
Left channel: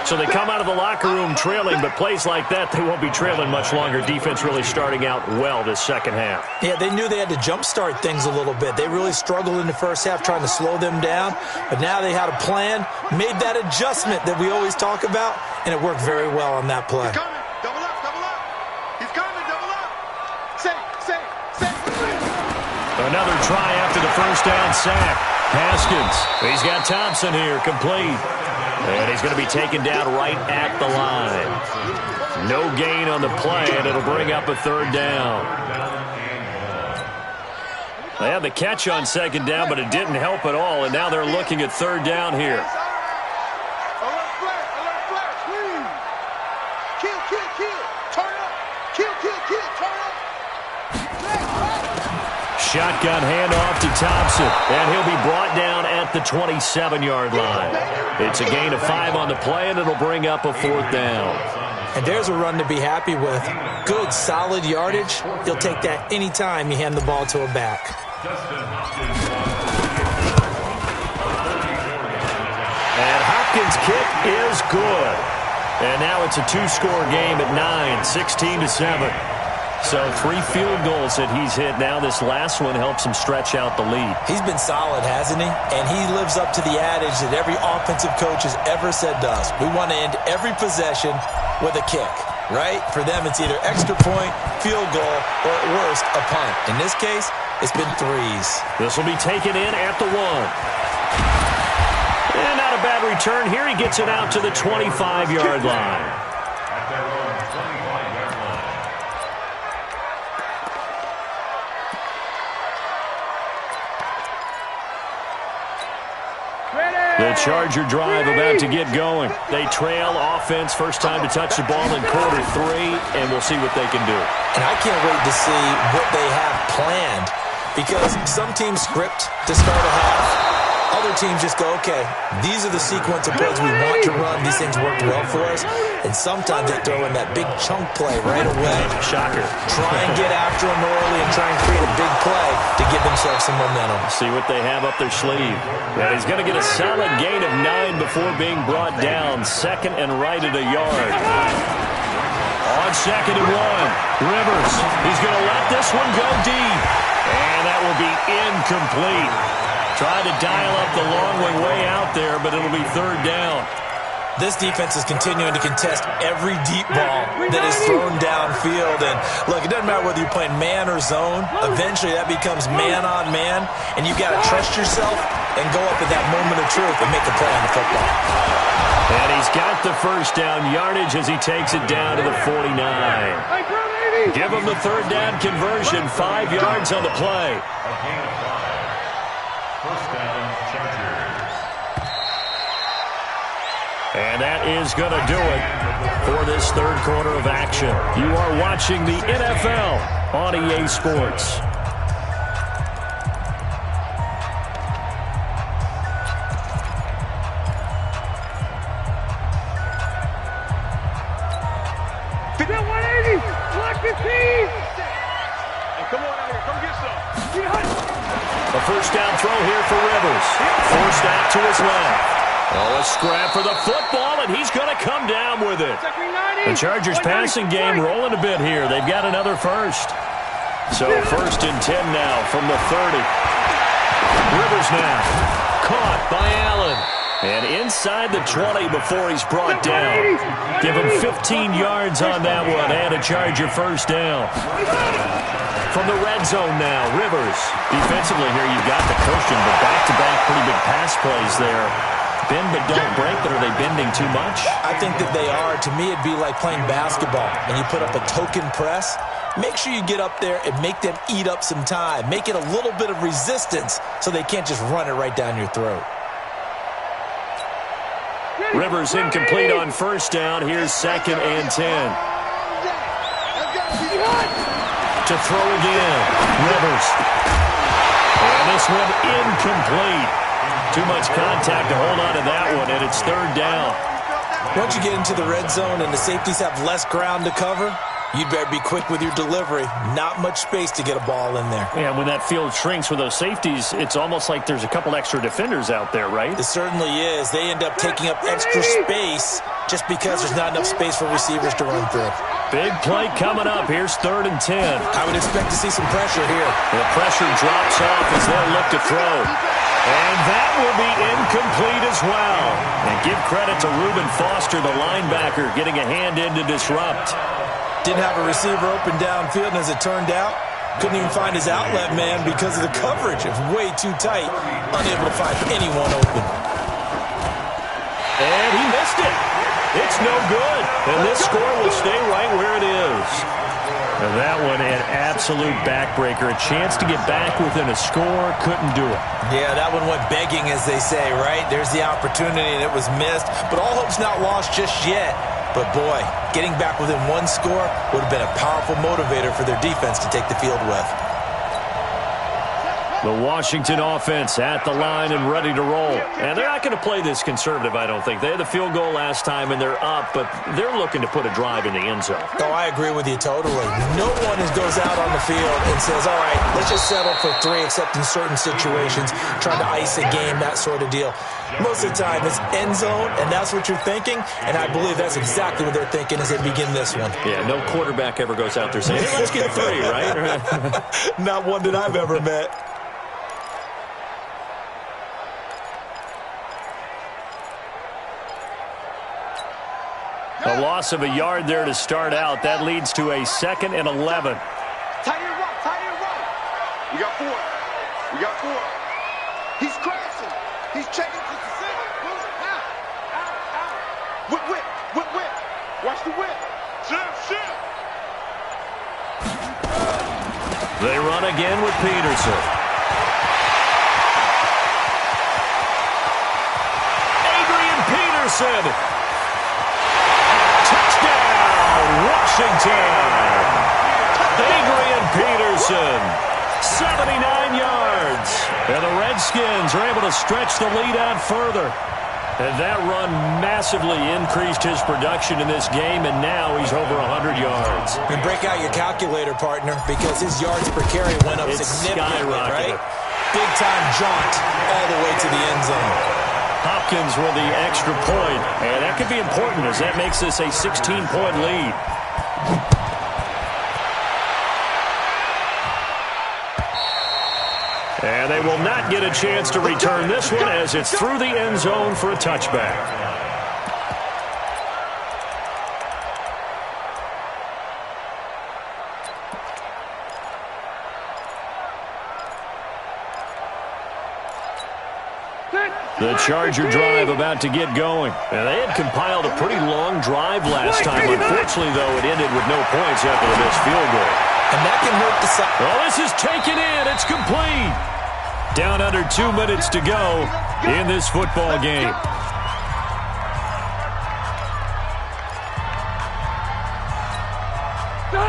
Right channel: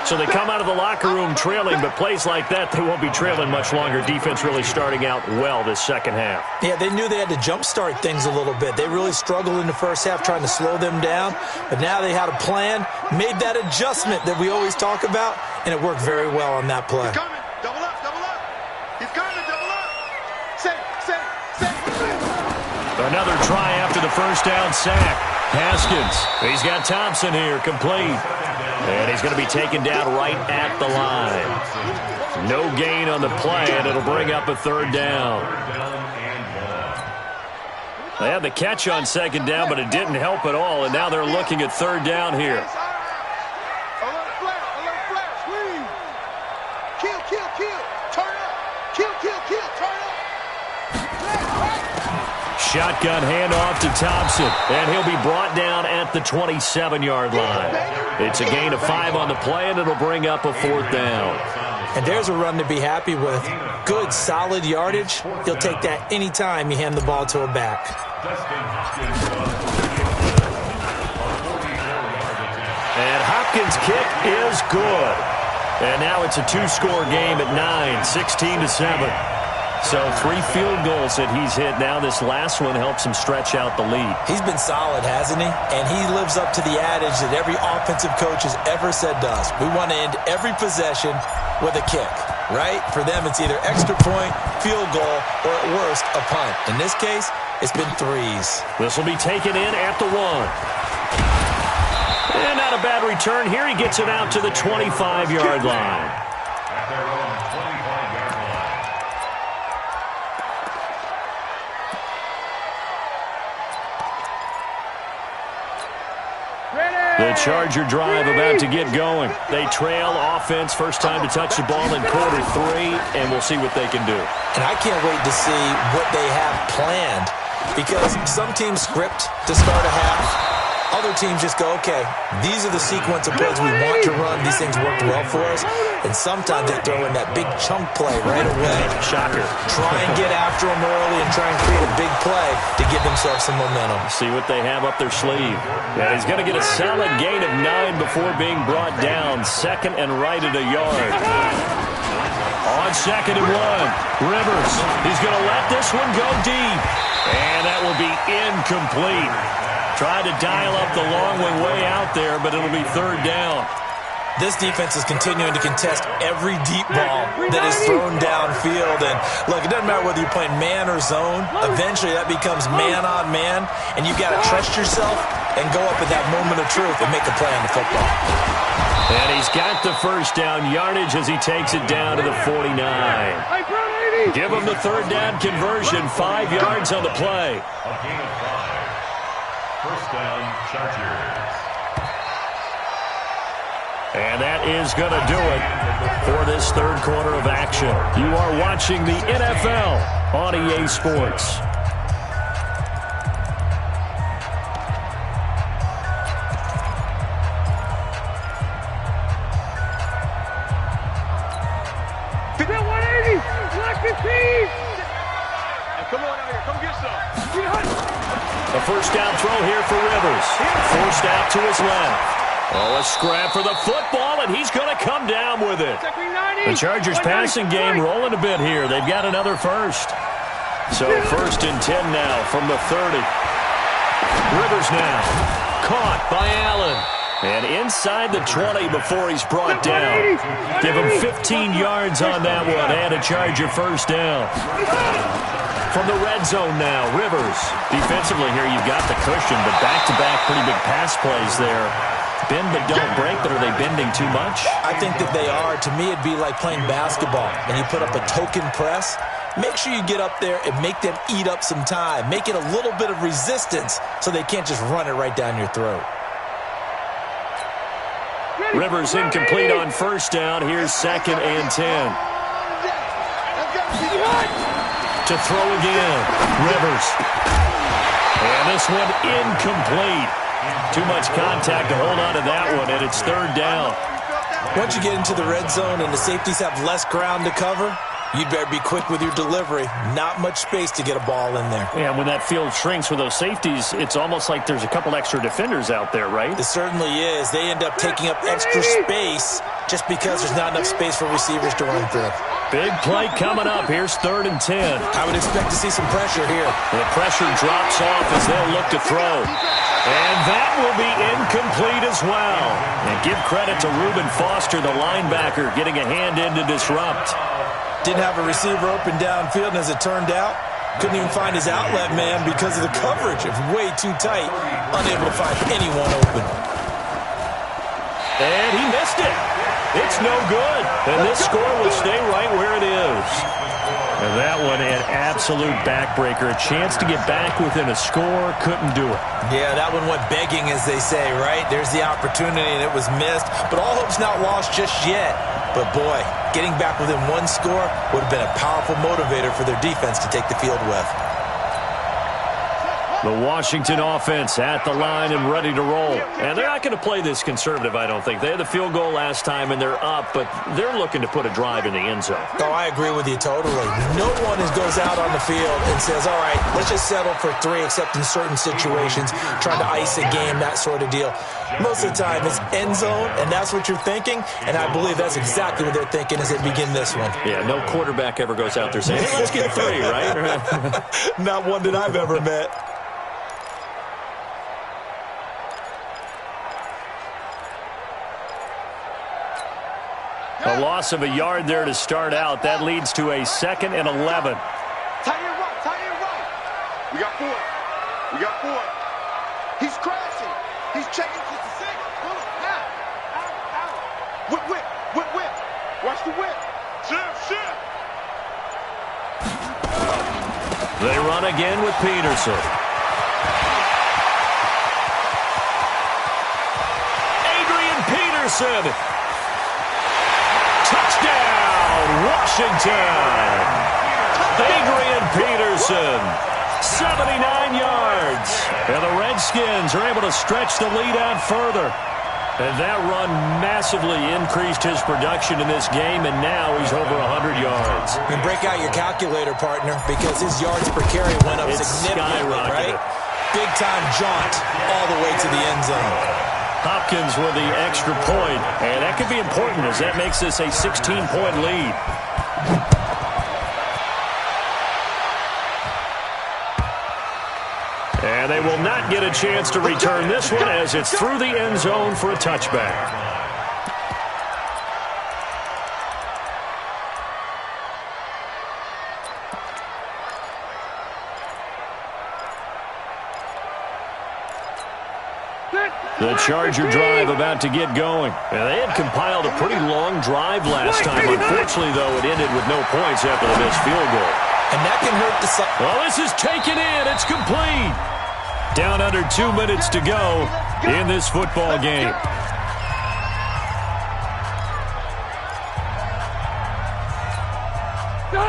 So they come out of the locker room trailing, but plays like that, they won't be trailing much longer. Defense really starting out well this second half. Yeah, they knew they had to jumpstart things a little bit. They really struggled in the first half trying to slow them down, but now they had a plan, made that adjustment that we always talk about, and it worked very well on that play. He's coming. Double up. He's coming. Double up. Say. Another try after the first down sack. Haskins, he's got Thompson here, complete. And he's going to be taken down right at the line. No gain on the play, and it'll bring up a 3rd down. They had the catch on 2nd down, but it didn't help at all, and now they're looking at 3rd down here. Alert flare, squeeze. Kill. Turn up. Kill, turn up. Shotgun handoff to Thompson, and he'll be brought down at the 27-yard line. It's a gain of 5 on the play, and it'll bring up a 4th down. And there's a run to be happy with. Good, solid yardage. You'll take that any time you hand the ball to a back. And Hopkins' kick is good. And now it's a 2-score game at 9, 16-7. So 3 field goals that he's hit now. This last one helps him stretch out the lead. He's been solid, hasn't he? And he lives up to the adage that every offensive coach has ever said to us. We want to end every possession with a kick, right? For them, it's either extra point, field goal, or at worst, a punt. In this case, it's been 3s. This will be taken in at the 1. And not a bad return here. He gets it out to the 25-yard line. At their own 25-yard line. The Charger drive about to get going. They trail offense, first time to touch the ball in quarter 3, and we'll see what they can do. And I can't wait to see what they have planned, because some teams script to start a half. Other teams just go, okay, these are the sequence of plays we want to run. These things worked well for us. And sometimes they throw in that big chunk play right away. Shocker. Try and get after them early and try and create a big play to give themselves some momentum. See what they have up their sleeve. And he's going to get a solid gain of 9 before being brought down. 2nd and right at a yard. On 2nd and 1, Rivers. He's going to let this one go deep. And that will be incomplete. Tried to dial up the long way out there, but it'll be third down. This defense is continuing to contest every deep ball that is thrown downfield. And, look, it doesn't matter whether you're playing man or zone. Eventually, that becomes man on man. And you've got to trust yourself and go up at that moment of truth and make a play on the football. And he's got the first down yardage as he takes it down to the 49. Give him the third down conversion. 5 yards on the play. A gain of 5. First down, Chargers. And that is going to do it for this third quarter of action. You are watching the NFL on EA Sports. That 180, black 15. Hey, come on out here, come get some. A first down throw here for Rivers. Forced out to his left. Oh, a scrap for the football, and he's going to come down with it. The Chargers passing game rolling a bit here. They've got another first. So first and 10 now from the 30. Rivers now. Caught by Allen. And inside the 20 before he's brought down. Give him 15 yards on that one and a Charger first down. From the red zone now, Rivers. Defensively here, you've got the cushion, but back-to-back pretty big pass plays there. Bend but don't break, but are they bending too much? I think that they are. To me, it'd be like playing basketball, and you put up a token press. Make sure you get up there and make them eat up some time. Make it a little bit of resistance so they can't just run it right down your throat. Rivers incomplete on first down. Here's second and 10. To throw again. Rivers. And this one incomplete. Too much contact to hold on to that one, and it's third down. Once you get into the red zone and the safeties have less ground to cover, you'd better be quick with your delivery. Not much space to get a ball in there. Yeah, when that field shrinks with those safeties, it's almost like there's a couple extra defenders out there, right? It certainly is. They end up taking up extra space just because there's not enough space for receivers to run through. Big play coming up. Here's third and 10. I would expect to see some pressure here. The pressure drops off as they'll look to throw. And that will be incomplete as well. And give credit to Reuben Foster, the linebacker, getting a hand in to disrupt. Didn't have a receiver open downfield, and as it turned out, couldn't even find his outlet man because of the coverage. It was way too tight, unable to find anyone open. And he missed it. It's no good. And this score will stay right where it is. And that one, an absolute backbreaker. A chance to get back within a score, couldn't do it. Yeah, that one went begging, as they say, right? There's the opportunity, and it was missed. But all hope's not lost just yet. But, boy, getting back within one score would have been a powerful motivator for their defense to take the field with. The Washington offense at the line and ready to roll. And they're not going to play this conservative, I don't think. They had the field goal last time, and they're up, but they're looking to put a drive in the end zone. Oh, I agree with you totally. No one goes out on the field and says, all right, let's just settle for 3, except in certain situations, trying to ice a game, that sort of deal. Most of the time, it's end zone, and that's what you're thinking, and I believe that's exactly what they're thinking as they begin this one. Yeah, no quarterback ever goes out there saying, hey, let's get 3, right? Not one that I've ever met. A loss of a yard there to start out. That leads to a 2nd and 11. Tight end right, tight end right. We got 4. We got 4. He's crashing. He's checking to the 6. Boom, now. Out. Whip. Watch the whip. Shift. They run again with Peterson. Adrian Peterson. Touchdown, Washington. Adrian Peterson, 79 yards. And the Redskins are able to stretch the lead out further. And that run massively increased his production in this game, and now he's over 100 yards. And break out your calculator, partner, because his yards per carry went up significantly, right? Big-time jaunt all the way to the end zone. Hopkins with the extra point, and that could be important as that makes this a 16-point lead. And they will not get a chance to return this one as it's through the end zone for a touchback. The Charger drive about to get going. And they had compiled a pretty long drive last time. Unfortunately, though, it ended with no points after the missed field goal. And that can hurt the side. Oh, this is taken in. It's complete. Down under 2 minutes to go in this football game.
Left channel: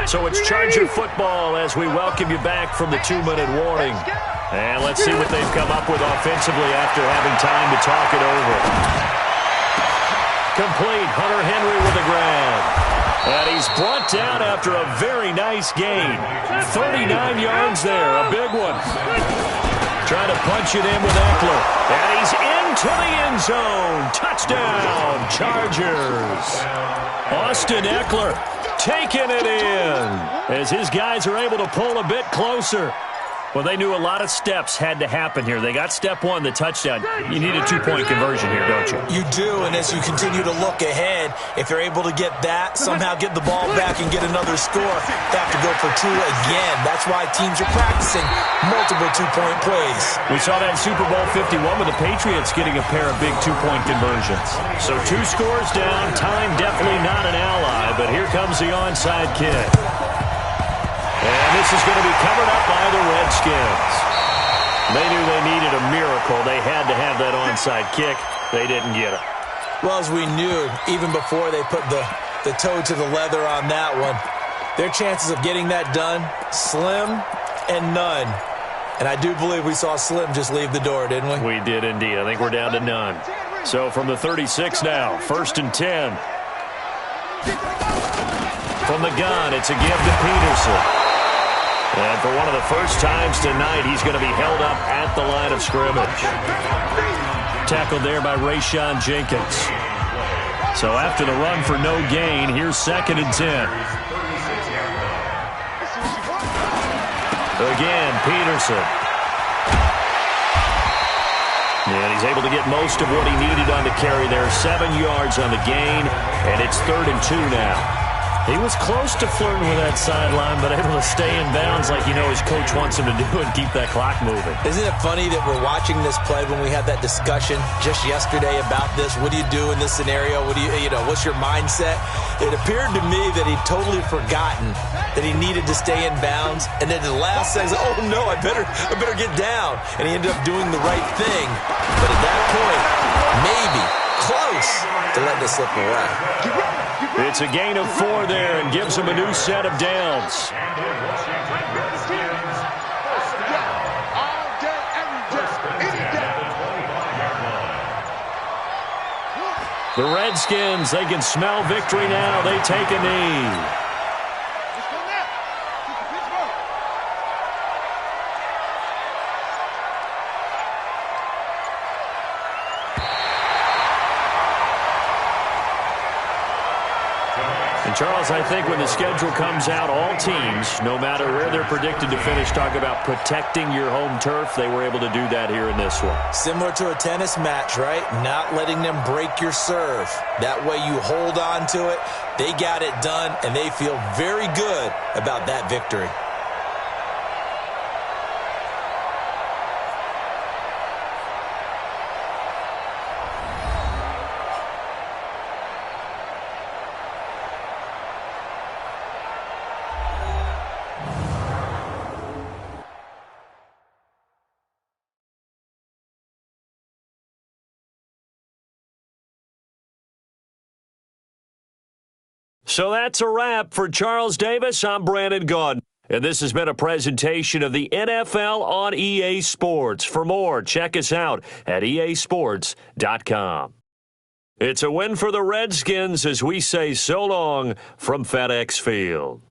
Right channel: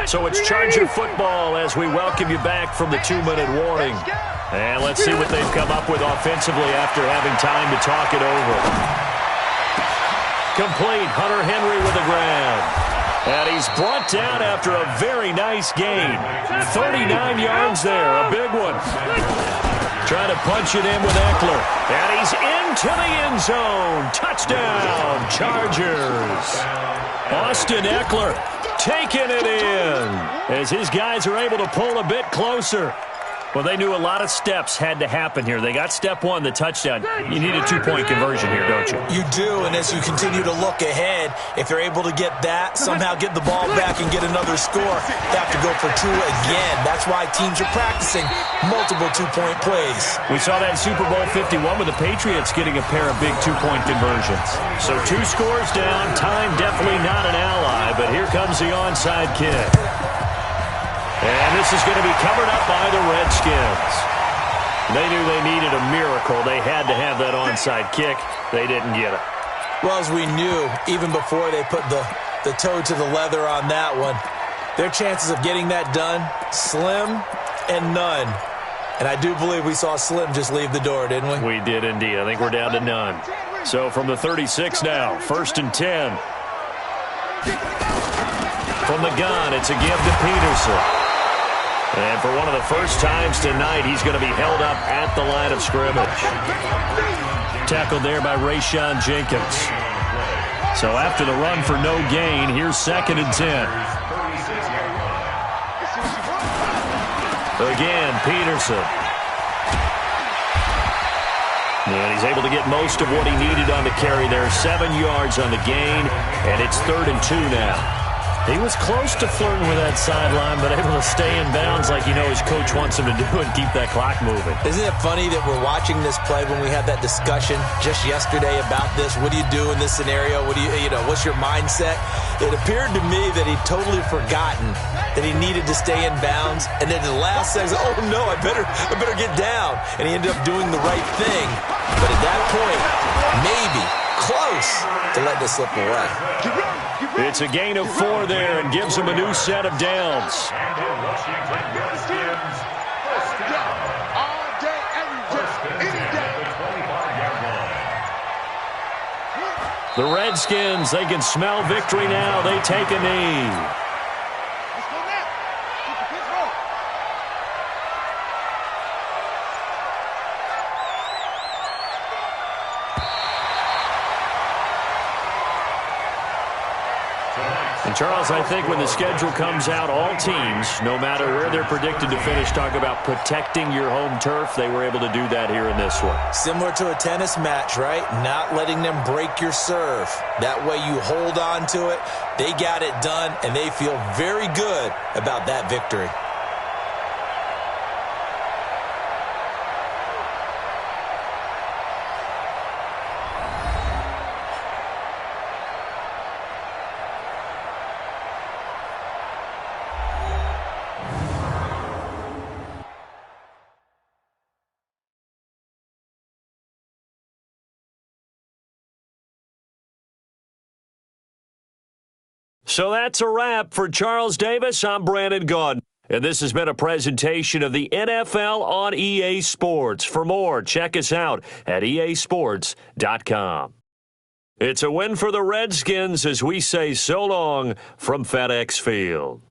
So it's Charger football as we welcome you back from the 2-minute warning. And let's see what they've come up with offensively after having time to talk it over. Complete. Hunter Henry with a grab. And he's brought down after a very nice gain. 39 yards there. A big one. Trying to punch it in with Eckler. And he's into the end zone. Touchdown, Chargers. Austin Eckler taking it in as his guys are able to pull a bit closer. Well, they knew a lot of steps had to happen here. They got step one, the touchdown. You need a 2-point conversion here, don't you? You do, and as you continue to look ahead, if they're able to get that, somehow get the ball back and get another score, they have to go for two again. That's why teams are practicing multiple 2-point plays. We saw that in Super Bowl 51 with the Patriots getting a pair of big 2-point conversions. So 2 scores down, time definitely not an ally, but here comes the onside kick. And this is going to be covered up by the Redskins. They knew they needed a miracle. They had to have that onside kick. They didn't get it. Well, as we knew, even before they put the toe to the leather on that one, their chances of getting that done, slim and none. And I do believe we saw Slim just leave the door, didn't we? We did indeed. I think we're down to none. So from the 36 now, 1st and 10. From the gun, it's a give to Peterson. And for one of the first times tonight, he's going to be held up at the line of scrimmage. Tackled there by Rayshon Jenkins. So after the run for no gain, here's 2nd and 10. Again, Peterson. And he's able to get most of what he needed on the carry there. 7 yards on the gain, and it's 3rd and 2 now. He was close to flirting with that sideline, but able to stay in bounds like you know his coach wants him to do and keep that clock moving. Isn't it funny that we're watching this play when we had that discussion just yesterday about this? What do you do in this scenario? What do you know, what's your mindset? It appeared to me that he'd totally forgotten that he needed to stay in bounds, and then the last says, oh no, I better get down. And he ended up doing the right thing. But at that point, maybe close to letting it slip away. It's a gain of 4 there and gives him a new set of downs. The Redskins, they can smell victory now. They take a knee. And Charles, I think when the schedule comes out, all teams, no matter where they're predicted to finish, talk about protecting your home turf. They were able to do that here in this one. Similar to a tennis match, right? Not letting them break your serve. That way you hold on to it. They got it done, and they feel very good about that victory. So that's a wrap for Charles Davis. I'm Brandon Gaudin. And this has been a presentation of the NFL on EA Sports. For more, check us out at easports.com. It's a win for the Redskins as we say so long from FedEx Field.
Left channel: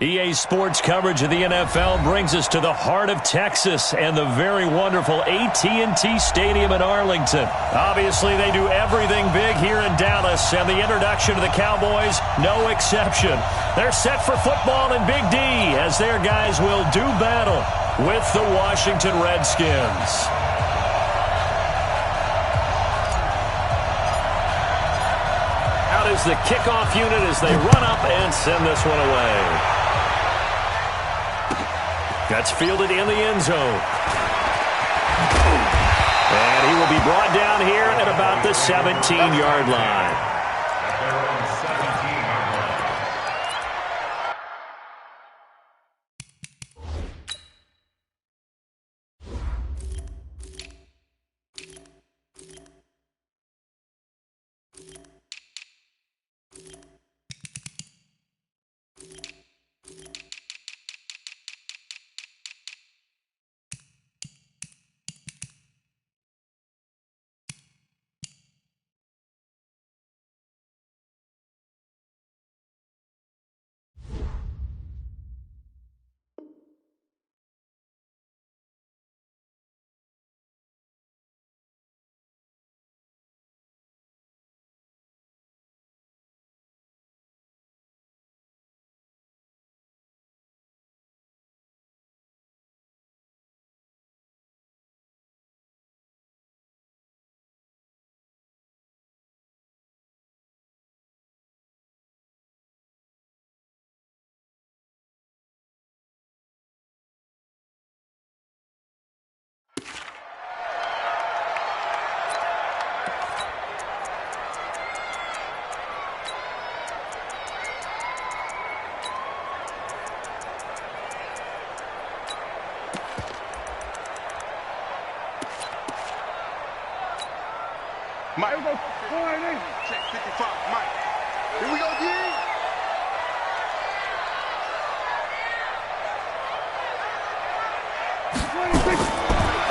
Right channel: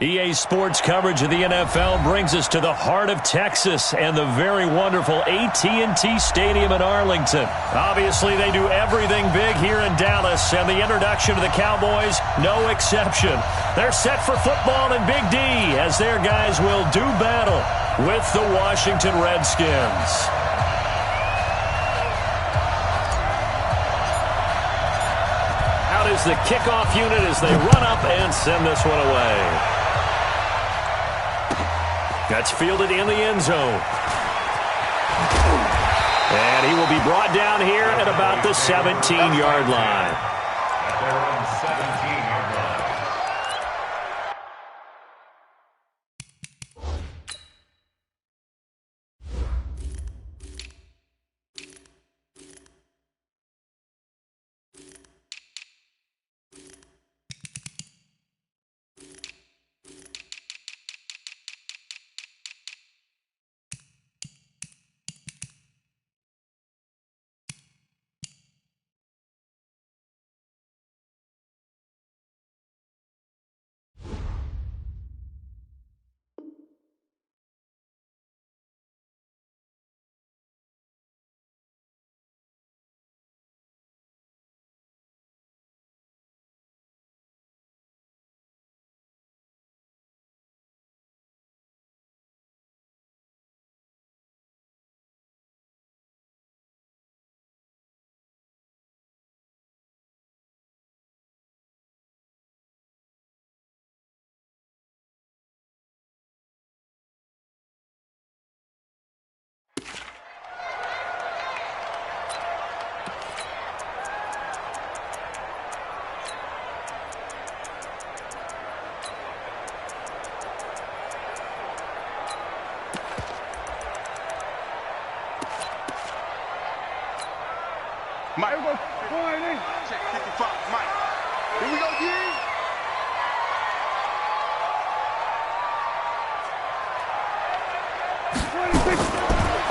EA Sports coverage of the NFL brings us to the heart of Texas and the very wonderful AT&T Stadium in Arlington. Obviously, they do everything big here in Dallas, and the introduction to the Cowboys, no exception. They're set for football in Big D as their guys will do battle with the Washington Redskins. Out is the kickoff unit as they run up and send this one away. That's fielded in the end zone. And he will be brought down here at about the 17-yard line. At their own 17-yard line. Mike, here we go. Check 55, Mike. Here we go, D.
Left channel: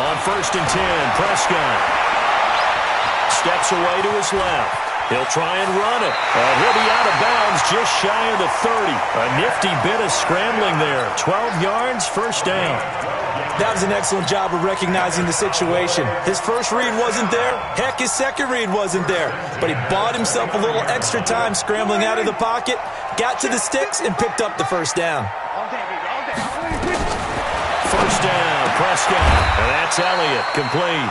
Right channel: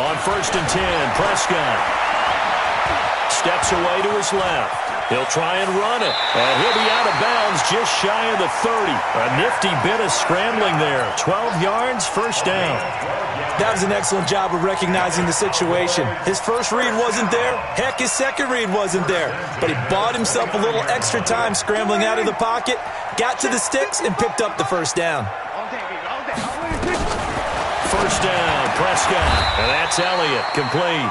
On 1st and 10, Prescott steps away to his left. He'll try and run it, and he'll be out of bounds just shy of the 30. A nifty bit of scrambling there. 12 yards, first down. That was an excellent job of recognizing the situation. His first read wasn't there. Heck, his second read wasn't there. But he bought himself a little extra time scrambling out of the pocket, got to the sticks, and picked up the first down. First down, Prescott. And that's Elliott, complete.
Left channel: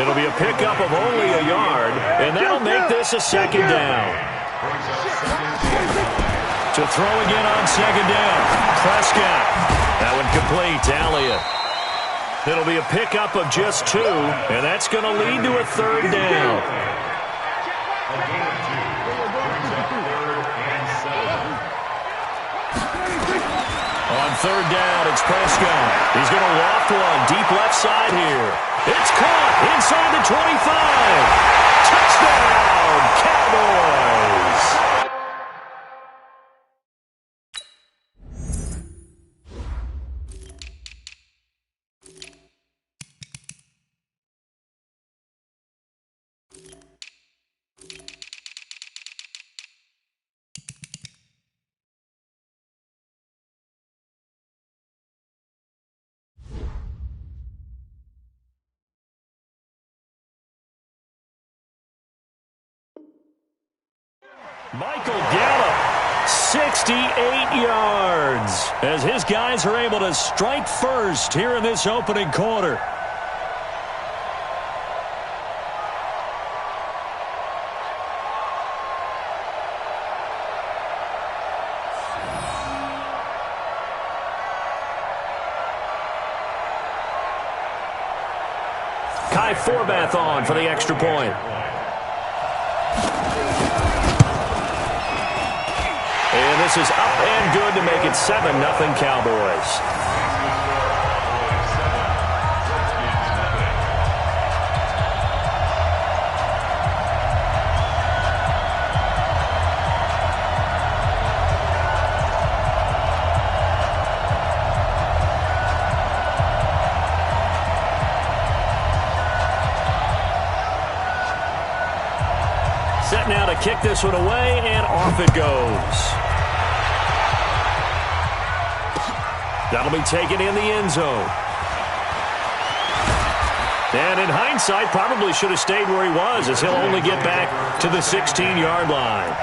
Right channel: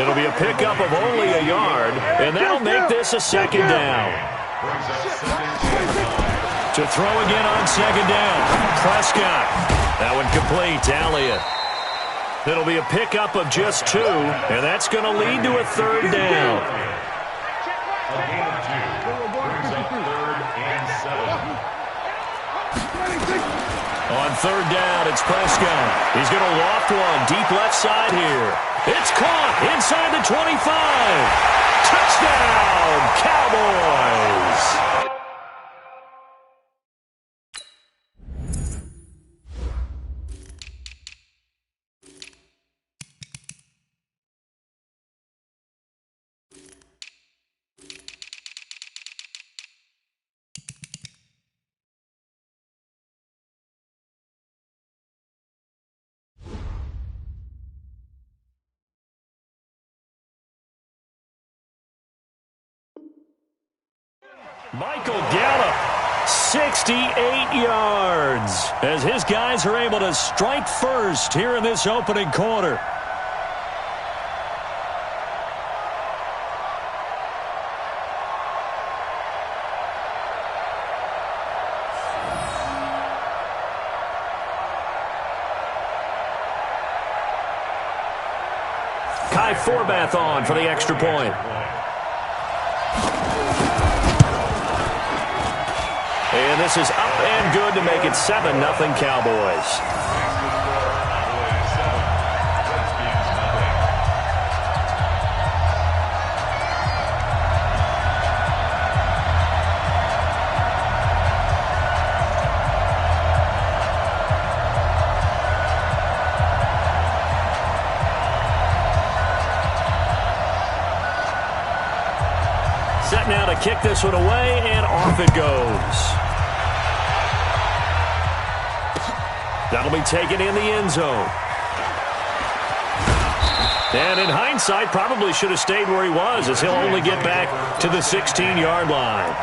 It'll be a pickup of only a yard, and that'll make this a second down. To throw again on second down, Prescott. That one complete to Elliott. It'll be a pickup of just 2, and that's going to lead to a third down. A gain of 2 brings up 3rd and 7. On third down, it's Prescott. He's going to loft one deep left side here. It's caught inside the 25. Touchdown, Cowboys. Michael Gallup, 68 yards, as his guys are able to strike first here in this opening quarter. Kai Forbath on for the extra point. And this is up and good to make it 7-0 Cowboys. Set now to kick this one away, and off it goes. That'll be taken in the end zone. And in hindsight, probably should have stayed where he was, as he'll only get back to the 16-yard line.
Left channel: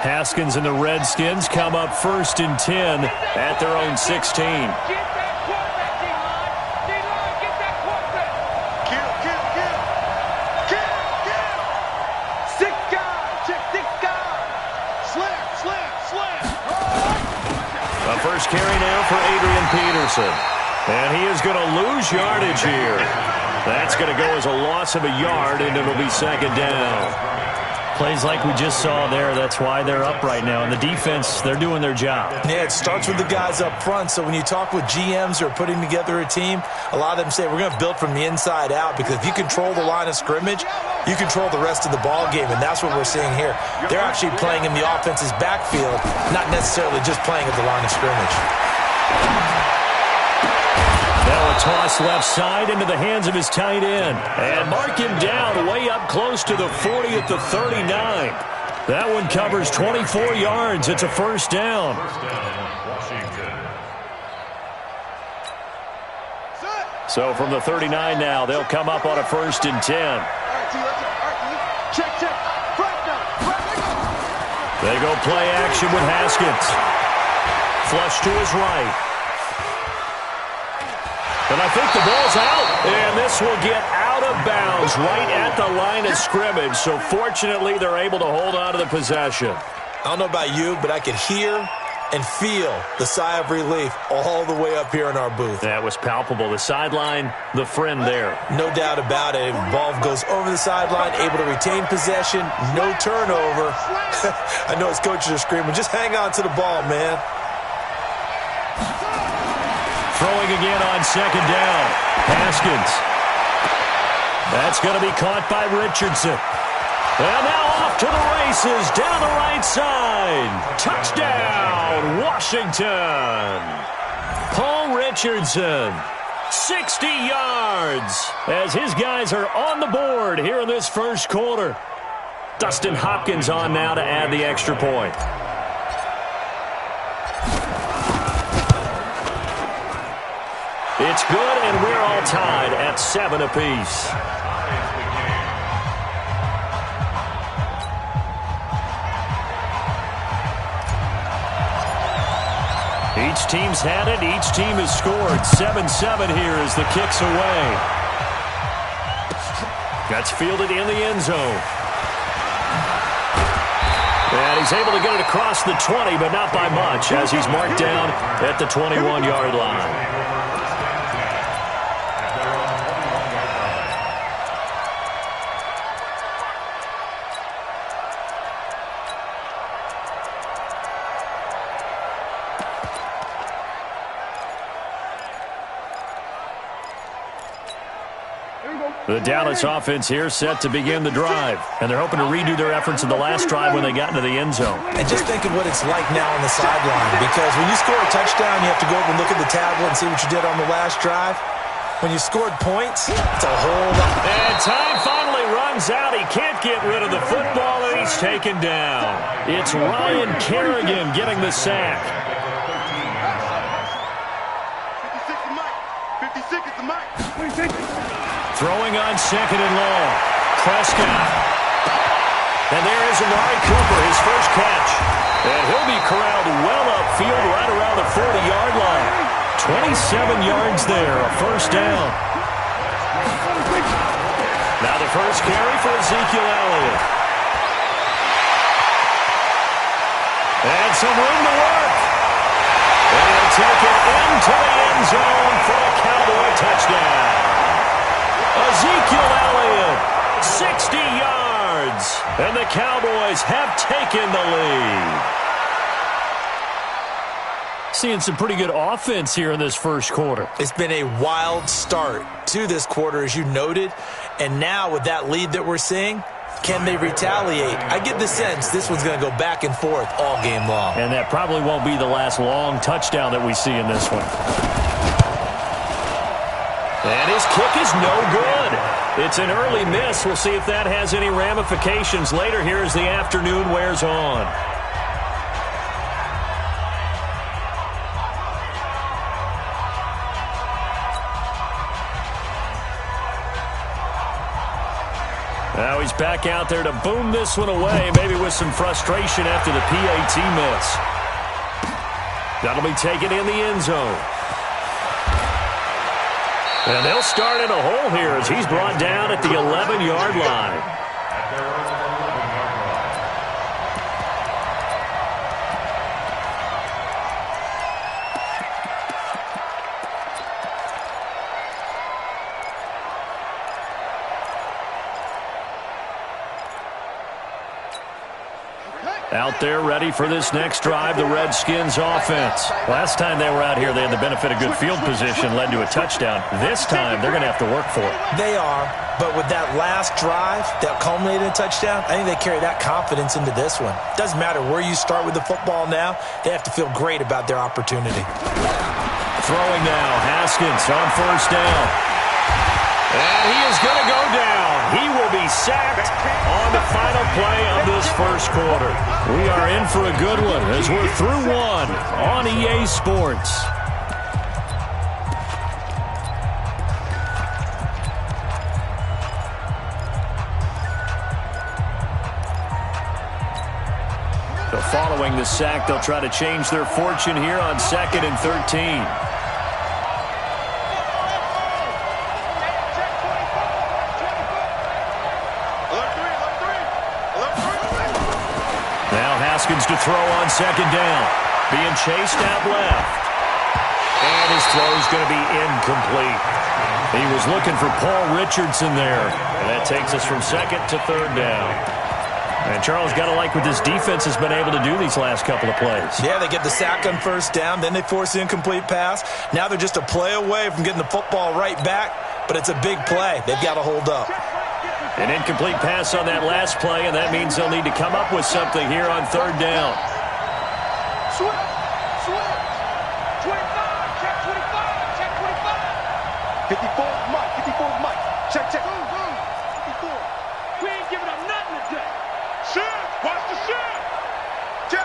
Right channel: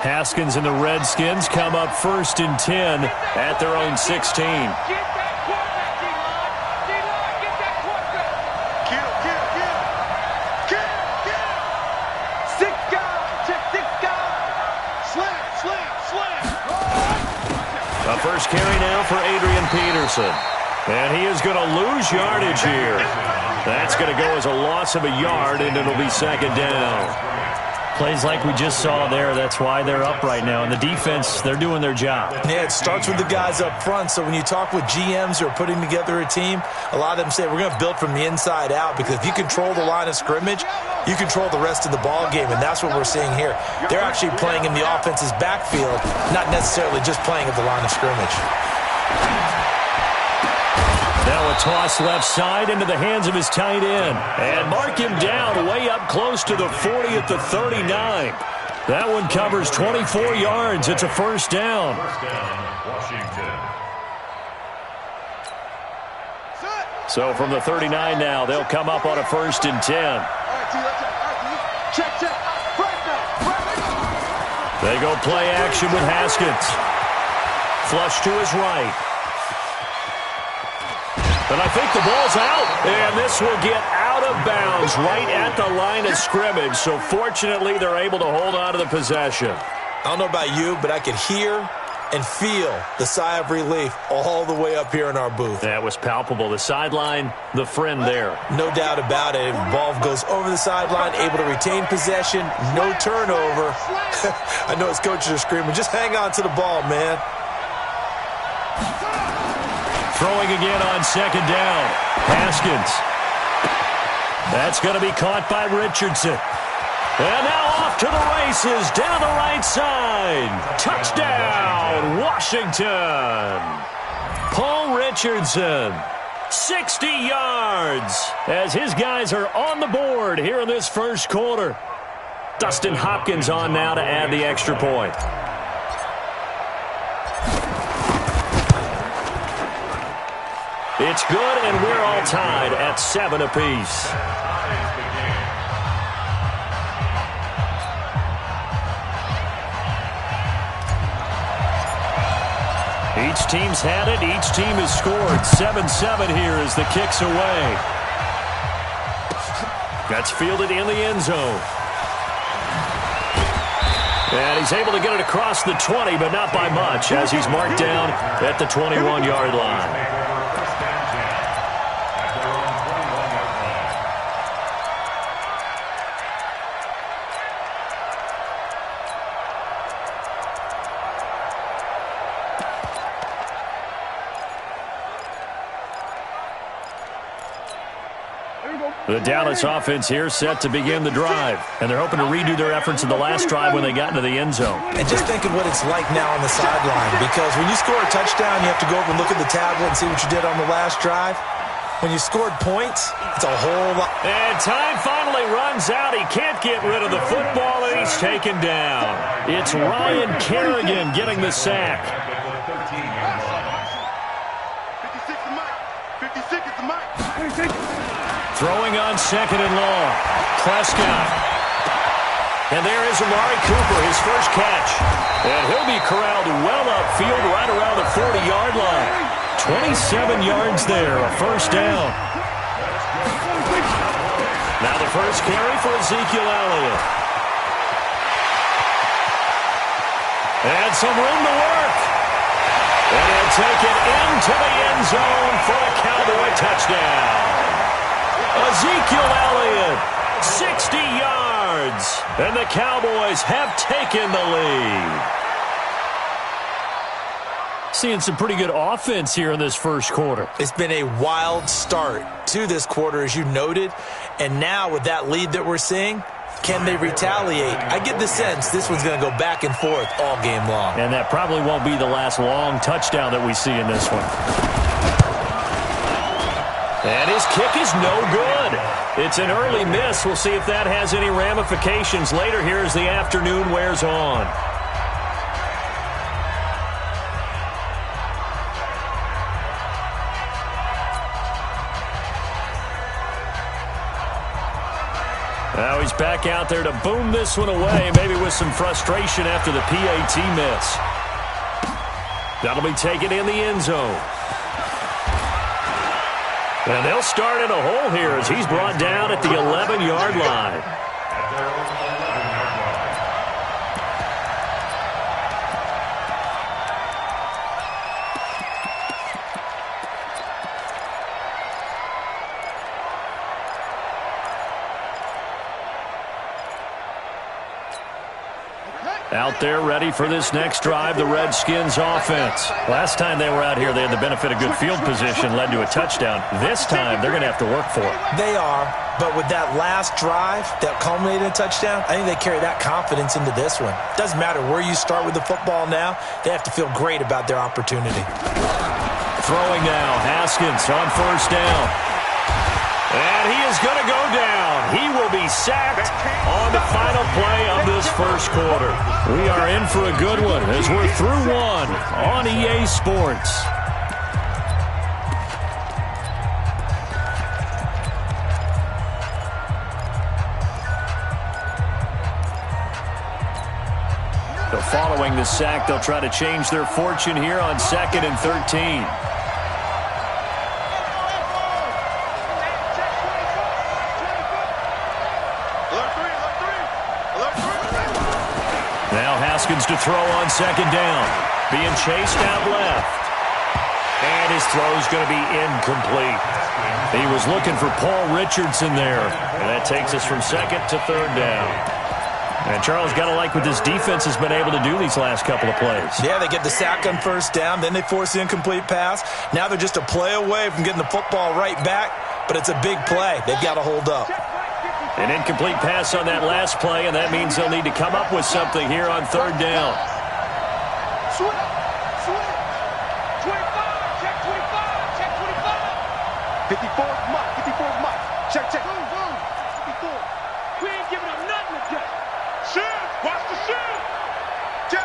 Haskins and the Redskins come up 1st and 10 at their own 16. Get that quarterback, D-line. D-line, get that quarterback. Kill. Six guys. Check 6 guys. Slam. A first carry now for Adrian Peterson. And he is going to lose yardage here. That's going to go as a loss of a yard, and it'll be 2nd down. Plays like we just saw there, that's why they're up right now. And the defense, they're doing their job. Yeah, it starts with the guys up front. So when you talk with GMs who are putting together a team, a lot of them say we're going to build from the inside out, because if you control the line of scrimmage, you control the rest of the ball game, and that's what we're seeing here. They're actually playing in the offense's backfield, not necessarily just playing at the line of scrimmage. Now a toss left side into the hands of his tight end. And mark him down way up close to the 40 at the 39. That one covers 24 yards. It's a 1st down. Washington. So from the 39 now, they'll come up on a 1st and 10. All right, T, let's go. All right, T. Check. Right now. They go play action with Haskins. Flush to his right. And I think the ball's out. And this will get out of bounds right at the line of scrimmage. So fortunately, they're able to hold on to the possession. I don't know about you, but I could hear and feel the sigh of relief all the way up here in our booth. That was palpable. The sideline, the friend there. No doubt about it. Ball goes over the sideline, able to retain possession, no turnover. I know his coaches are screaming, just hang on to the ball, man. Throwing again on 2nd down. Haskins. That's going to be caught by Richardson. And now off to the races down the right side. Touchdown, Washington. Paul Richardson, 60 yards, as his guys are on the board here in this 1st quarter. Dustin Hopkins on now to add the extra point. It's good, and we're all tied at 7 apiece. Each team's had it. Each team has scored. 7-7 here as the kick's away. That's fielded in the end zone. And he's able to get it across the 20, but not by much, as he's marked down at the 21-yard line. The Dallas offense here set to begin the drive. And they're hoping to redo their efforts in the last drive when they got into the end zone. And just think of what it's like now on the sideline. Because when you score a touchdown, you have to go over and look at the tablet and see what you did on the last drive. When you scored points, it's a whole lot. And time finally runs out. He can't get rid of the football, and he's taken down. It's Ryan Kerrigan getting the sack. 56 is Mike. 56 is Mike. Throwing on 2nd and long. Prescott. And there is Amari Cooper, his first catch. And he'll be corralled well upfield right around the 40-yard line. 27 yards there, a 1st down. Now the first carry for Ezekiel Elliott. And some room to work. And he'll take it into the end zone for a Cowboy touchdown. Ezekiel Elliott, 60 yards, and the Cowboys have taken the lead. Seeing some pretty good offense here in this 1st quarter. It's been a wild start to this quarter, as you noted, and now with that lead that we're seeing, can they retaliate? I get the sense this one's going to go back and forth all game long. And that probably won't be the last long touchdown that we see in this one. And his kick is no good. It's an early miss. We'll see if that has any ramifications later here as the afternoon wears on. Now he's back out there to boom this one away, maybe with some frustration after the PAT miss. That'll be taken in the end zone. And they'll start in a hole here as he's brought down at the 11-yard line. At their own 11-yard line. Out there ready for this next drive, the Redskins offense. Last time they were out here, they had the benefit of good field position, led to a touchdown. This time, they're going to have to work for it. They are, but with that last drive that culminated in a touchdown, I think they carry that confidence into this one. Doesn't matter where you start with the football now, they have to feel great about their opportunity. Throwing now, Haskins on first down. And he is going to go down. He will be sacked on the final play of this first quarter. We are in for a good one as we're through one on EA Sports. So following the sack, they'll try to change their fortune here on 2nd and 13. Haskins to throw on second down. Being chased out left. And his throw's going to be incomplete. He was looking for Paul Richardson there. And that takes us from 2nd to 3rd down. And Charles, got to like what this defense has been able to do these last couple of plays. Yeah, they get the sack on first down. Then they force the incomplete pass. Now they're just a play away from getting the football right back. But it's a big play. They've got to hold up. An incomplete pass on that last play, and that means they'll need to come up with something here on 3rd down. Switch. 25. Check 25. Check 25. 54's Mike. 54's Mike. Check. 54. We ain't giving up nothing today. Shift. Watch the shift. Check.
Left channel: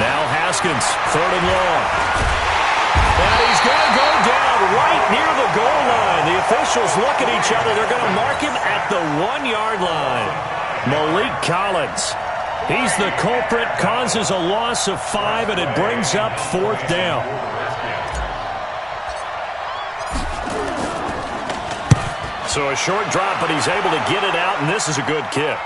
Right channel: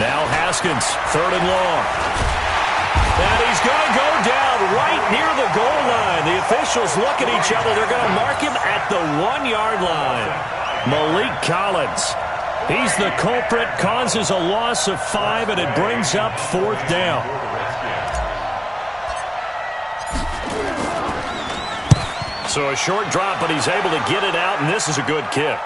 Now Haskins, 3rd and long. And he's going to go down right near the goal line. The officials look at each other. They're going to mark him at the 1-yard line. Malik Collins. He's the culprit, causes a loss of 5, and it brings up 4th down. So a short drop, but he's able to get it out, and this is a good kick.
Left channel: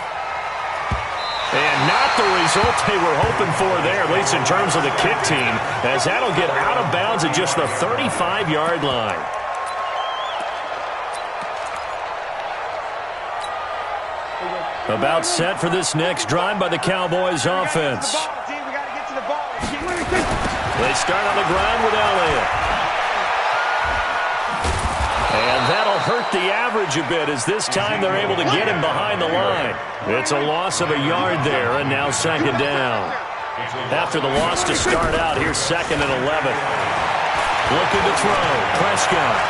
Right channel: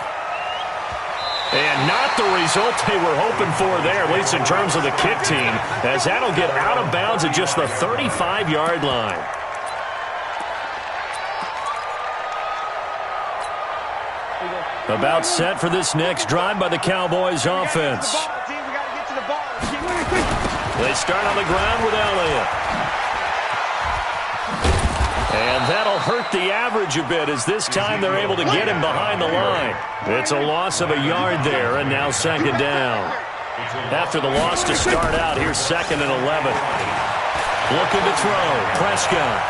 And not the result they were hoping for there, at least in terms of the kick team, as that'll get out of bounds at just the 35-yard line. About set for this next drive by the Cowboys offense. They start on the ground with Elliott. And that'll hurt the average a bit as this time they're able to get him behind the line. It's a loss of a yard there, and now 2nd down. After the loss to start out, here's 2nd and 11. Looking to throw, Prescott.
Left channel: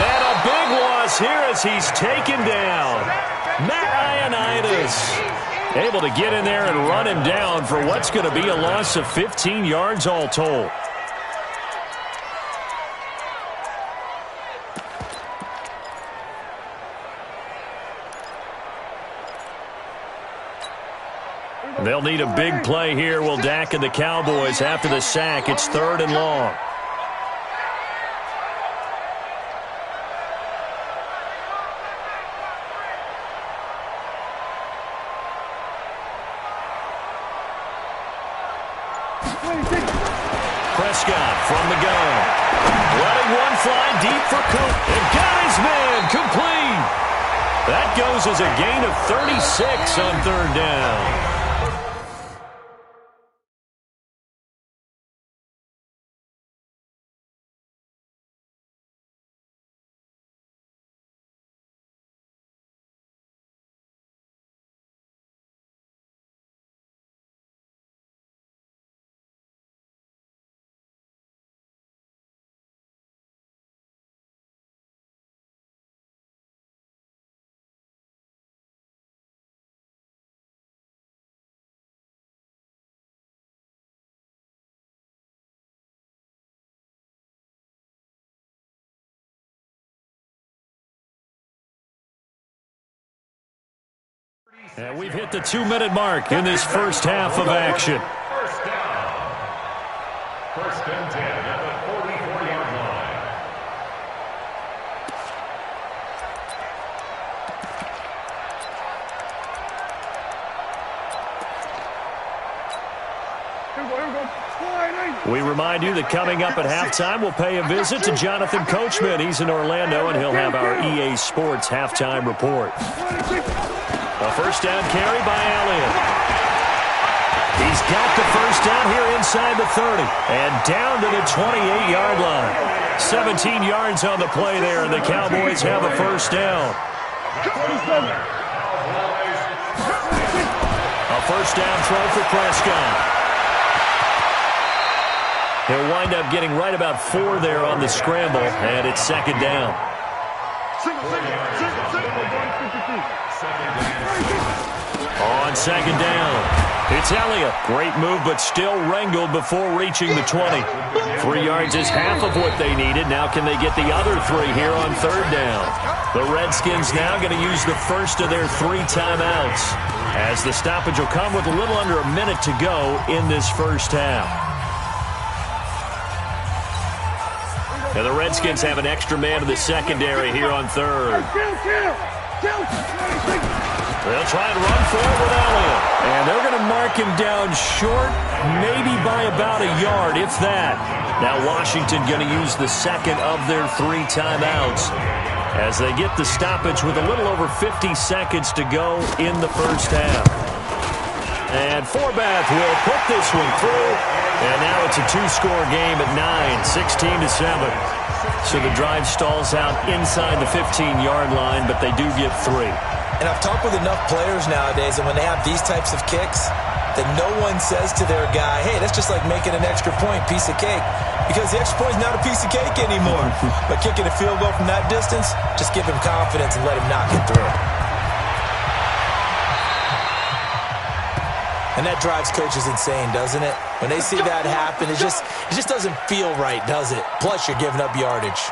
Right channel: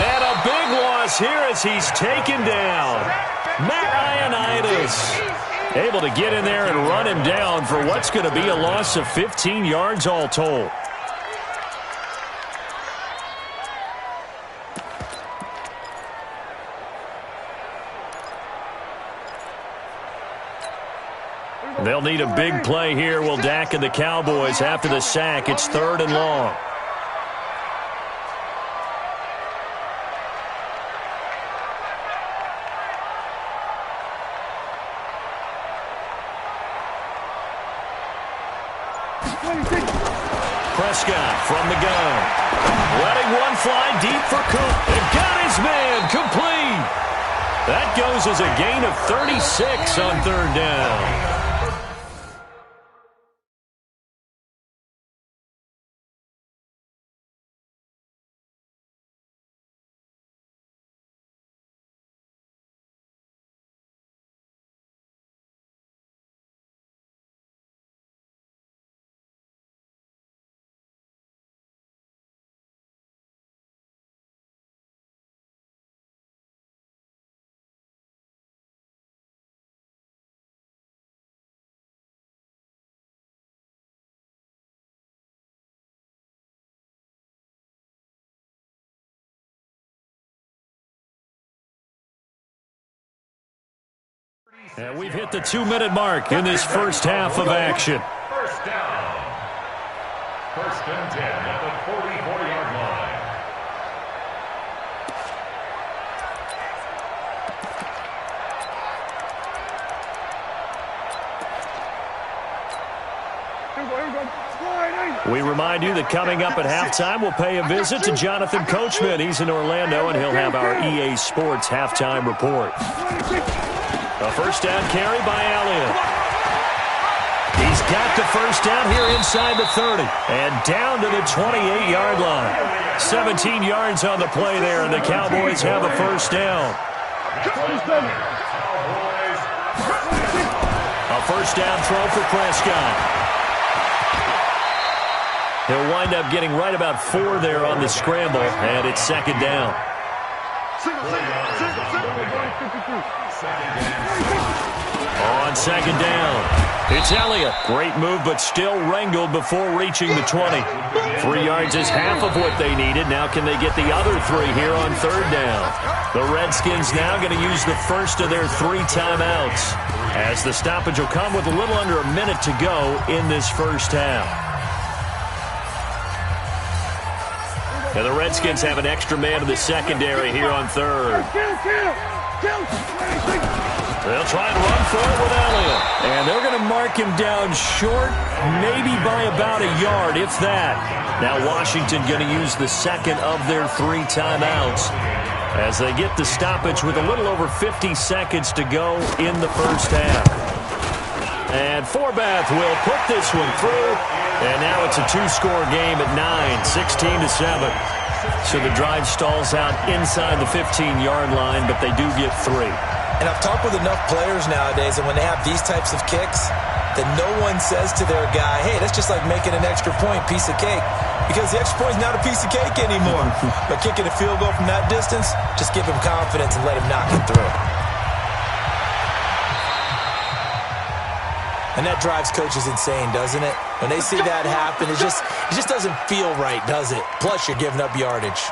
And a big loss here as he's taken down. Matt Ioannidis able to get in there and run him down for what's going to be a loss of 15 yards all told. They'll need a big play here, will Dak and the Cowboys. After the sack, it's 3rd and long. Prescott from the gun. Letting one fly deep for Coop. And got his man complete. That goes as a gain of 36 on 3rd down. And we've hit the 2-minute mark in this first half of action. First down. First and 10 at the 44-yard line. We remind you that coming up at halftime, we'll pay a visit to Jonathan Coachman. He's in Orlando, and he'll have our EA Sports halftime report. A first down carry by Elliott. He's got the first down here inside the 30 and down to the 28-yard line. 17 yards on the play there, and the Cowboys have a first down. A first down throw for Prescott. He'll wind up getting right about 4 there on the scramble, and it's second down. On second down, it's Elliott. Great move, but still wrangled before reaching the 20. 3 yards is half of what they needed. Now can they get the other 3 here on third down? The Redskins now going to use the first of their 3 timeouts, as the stoppage will come with a little under a minute to go in this first half. Now the Redskins have an extra man in the secondary here on third. They'll try and run for it with Elliott. And they're going to mark him down short, maybe by about a yard, if that. Now Washington going to use the second of their 3 timeouts as they get the stoppage with a little over 50 seconds to go in the first half. And Forbath will put this one through. And now it's a 2-score game at 9, 16-7. So the drive stalls out inside the 15-yard line, but they do get 3. And I've talked with enough players nowadays, and when they have these types of kicks, that no one says to their guy, hey, that's just like making an extra point, piece of cake. Because the extra point is not a piece of cake anymore. But kicking a field goal from that distance, just give him confidence and let him knock it through. And that drives coaches insane, doesn't it? When they see that happen, it just doesn't feel right, does it? Plus, you're giving up yardage.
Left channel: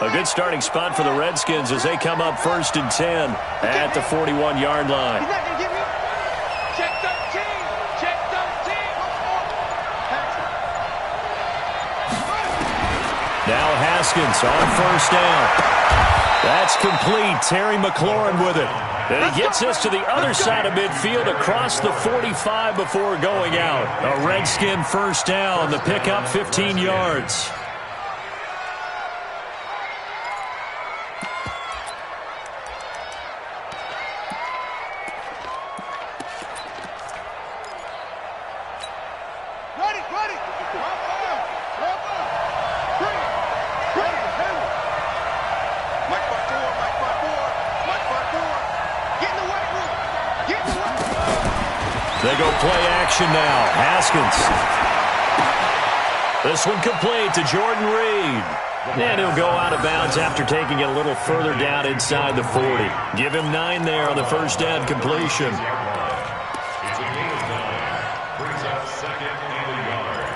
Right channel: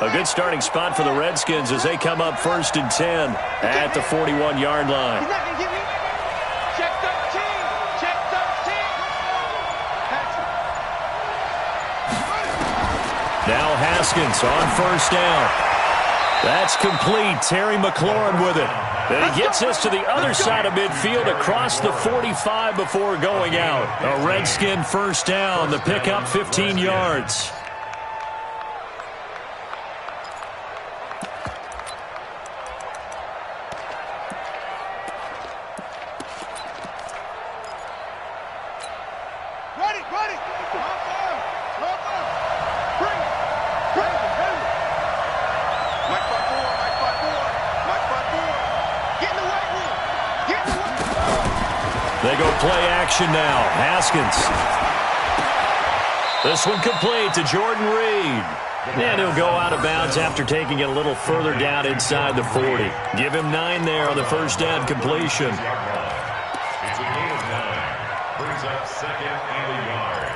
A good starting spot for the Redskins as they come up first and 10 at the 41-yard line. He's not going to get me. Check 13. Check 13. Now Haskins on first down. That's complete. Terry McLaurin with it. And he gets this to the other side of midfield across the 45 before going out. A Redskin first down. The pickup 15 yards. They go play action now. Haskins. This one complete to Jordan Reed. And he'll go out of bounds after taking it a little further down inside the 40. Give him 9 there on the first down completion. It's a gain of 9. Brings up second and a yard.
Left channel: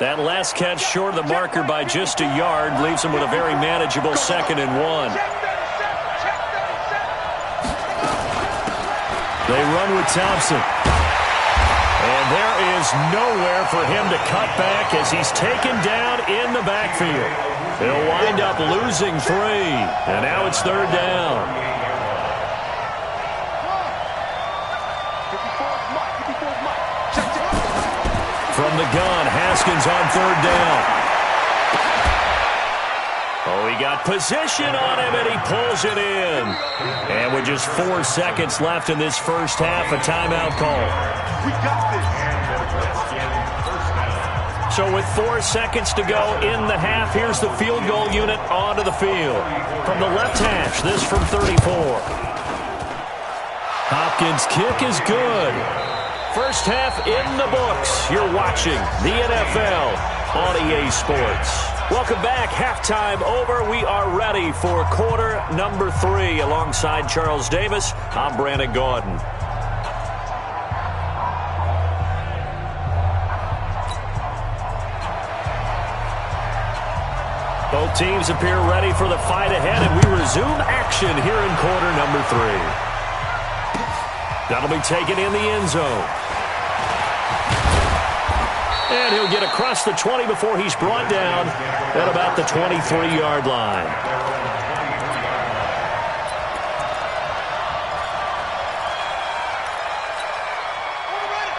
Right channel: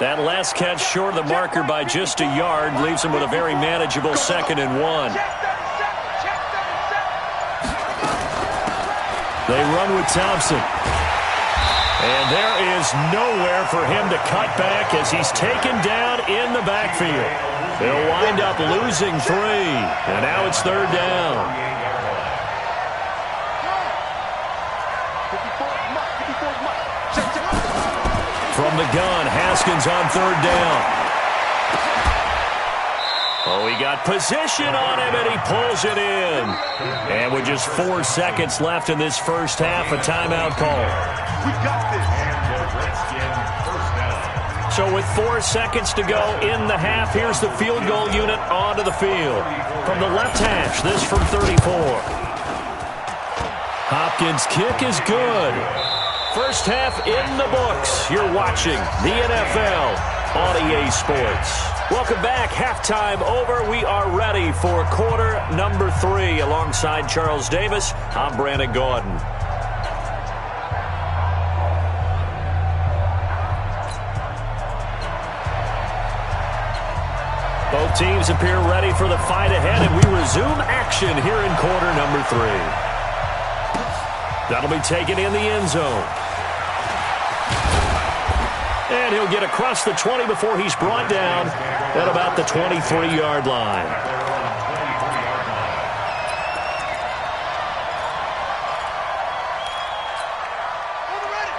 That last catch short of the marker by just a yard leaves him with a very manageable second and 1. They run with Thompson. And there is nowhere for him to cut back as he's taken down in the backfield. He'll wind up losing 3. And now it's third down. From the gun, Haskins on third down. Oh, he got position on him, and he pulls it in. And with just 4 seconds left in this first half, a timeout call. We got this. And the Redskin first down. So with 4 seconds to go in the half, here's the field goal unit onto the field. From the left hash, this from 34. Hopkins' kick is good. First half in the books. You're watching the NFL on EA Sports. Welcome back. Halftime over. We are ready for quarter number 3. Alongside Charles Davis, I'm Brandon Gordon. Both teams appear ready for the fight ahead, and we resume action here in quarter number 3. That'll be taken in the end zone. And he'll get across the 20 before he's brought down at about the 23-yard line.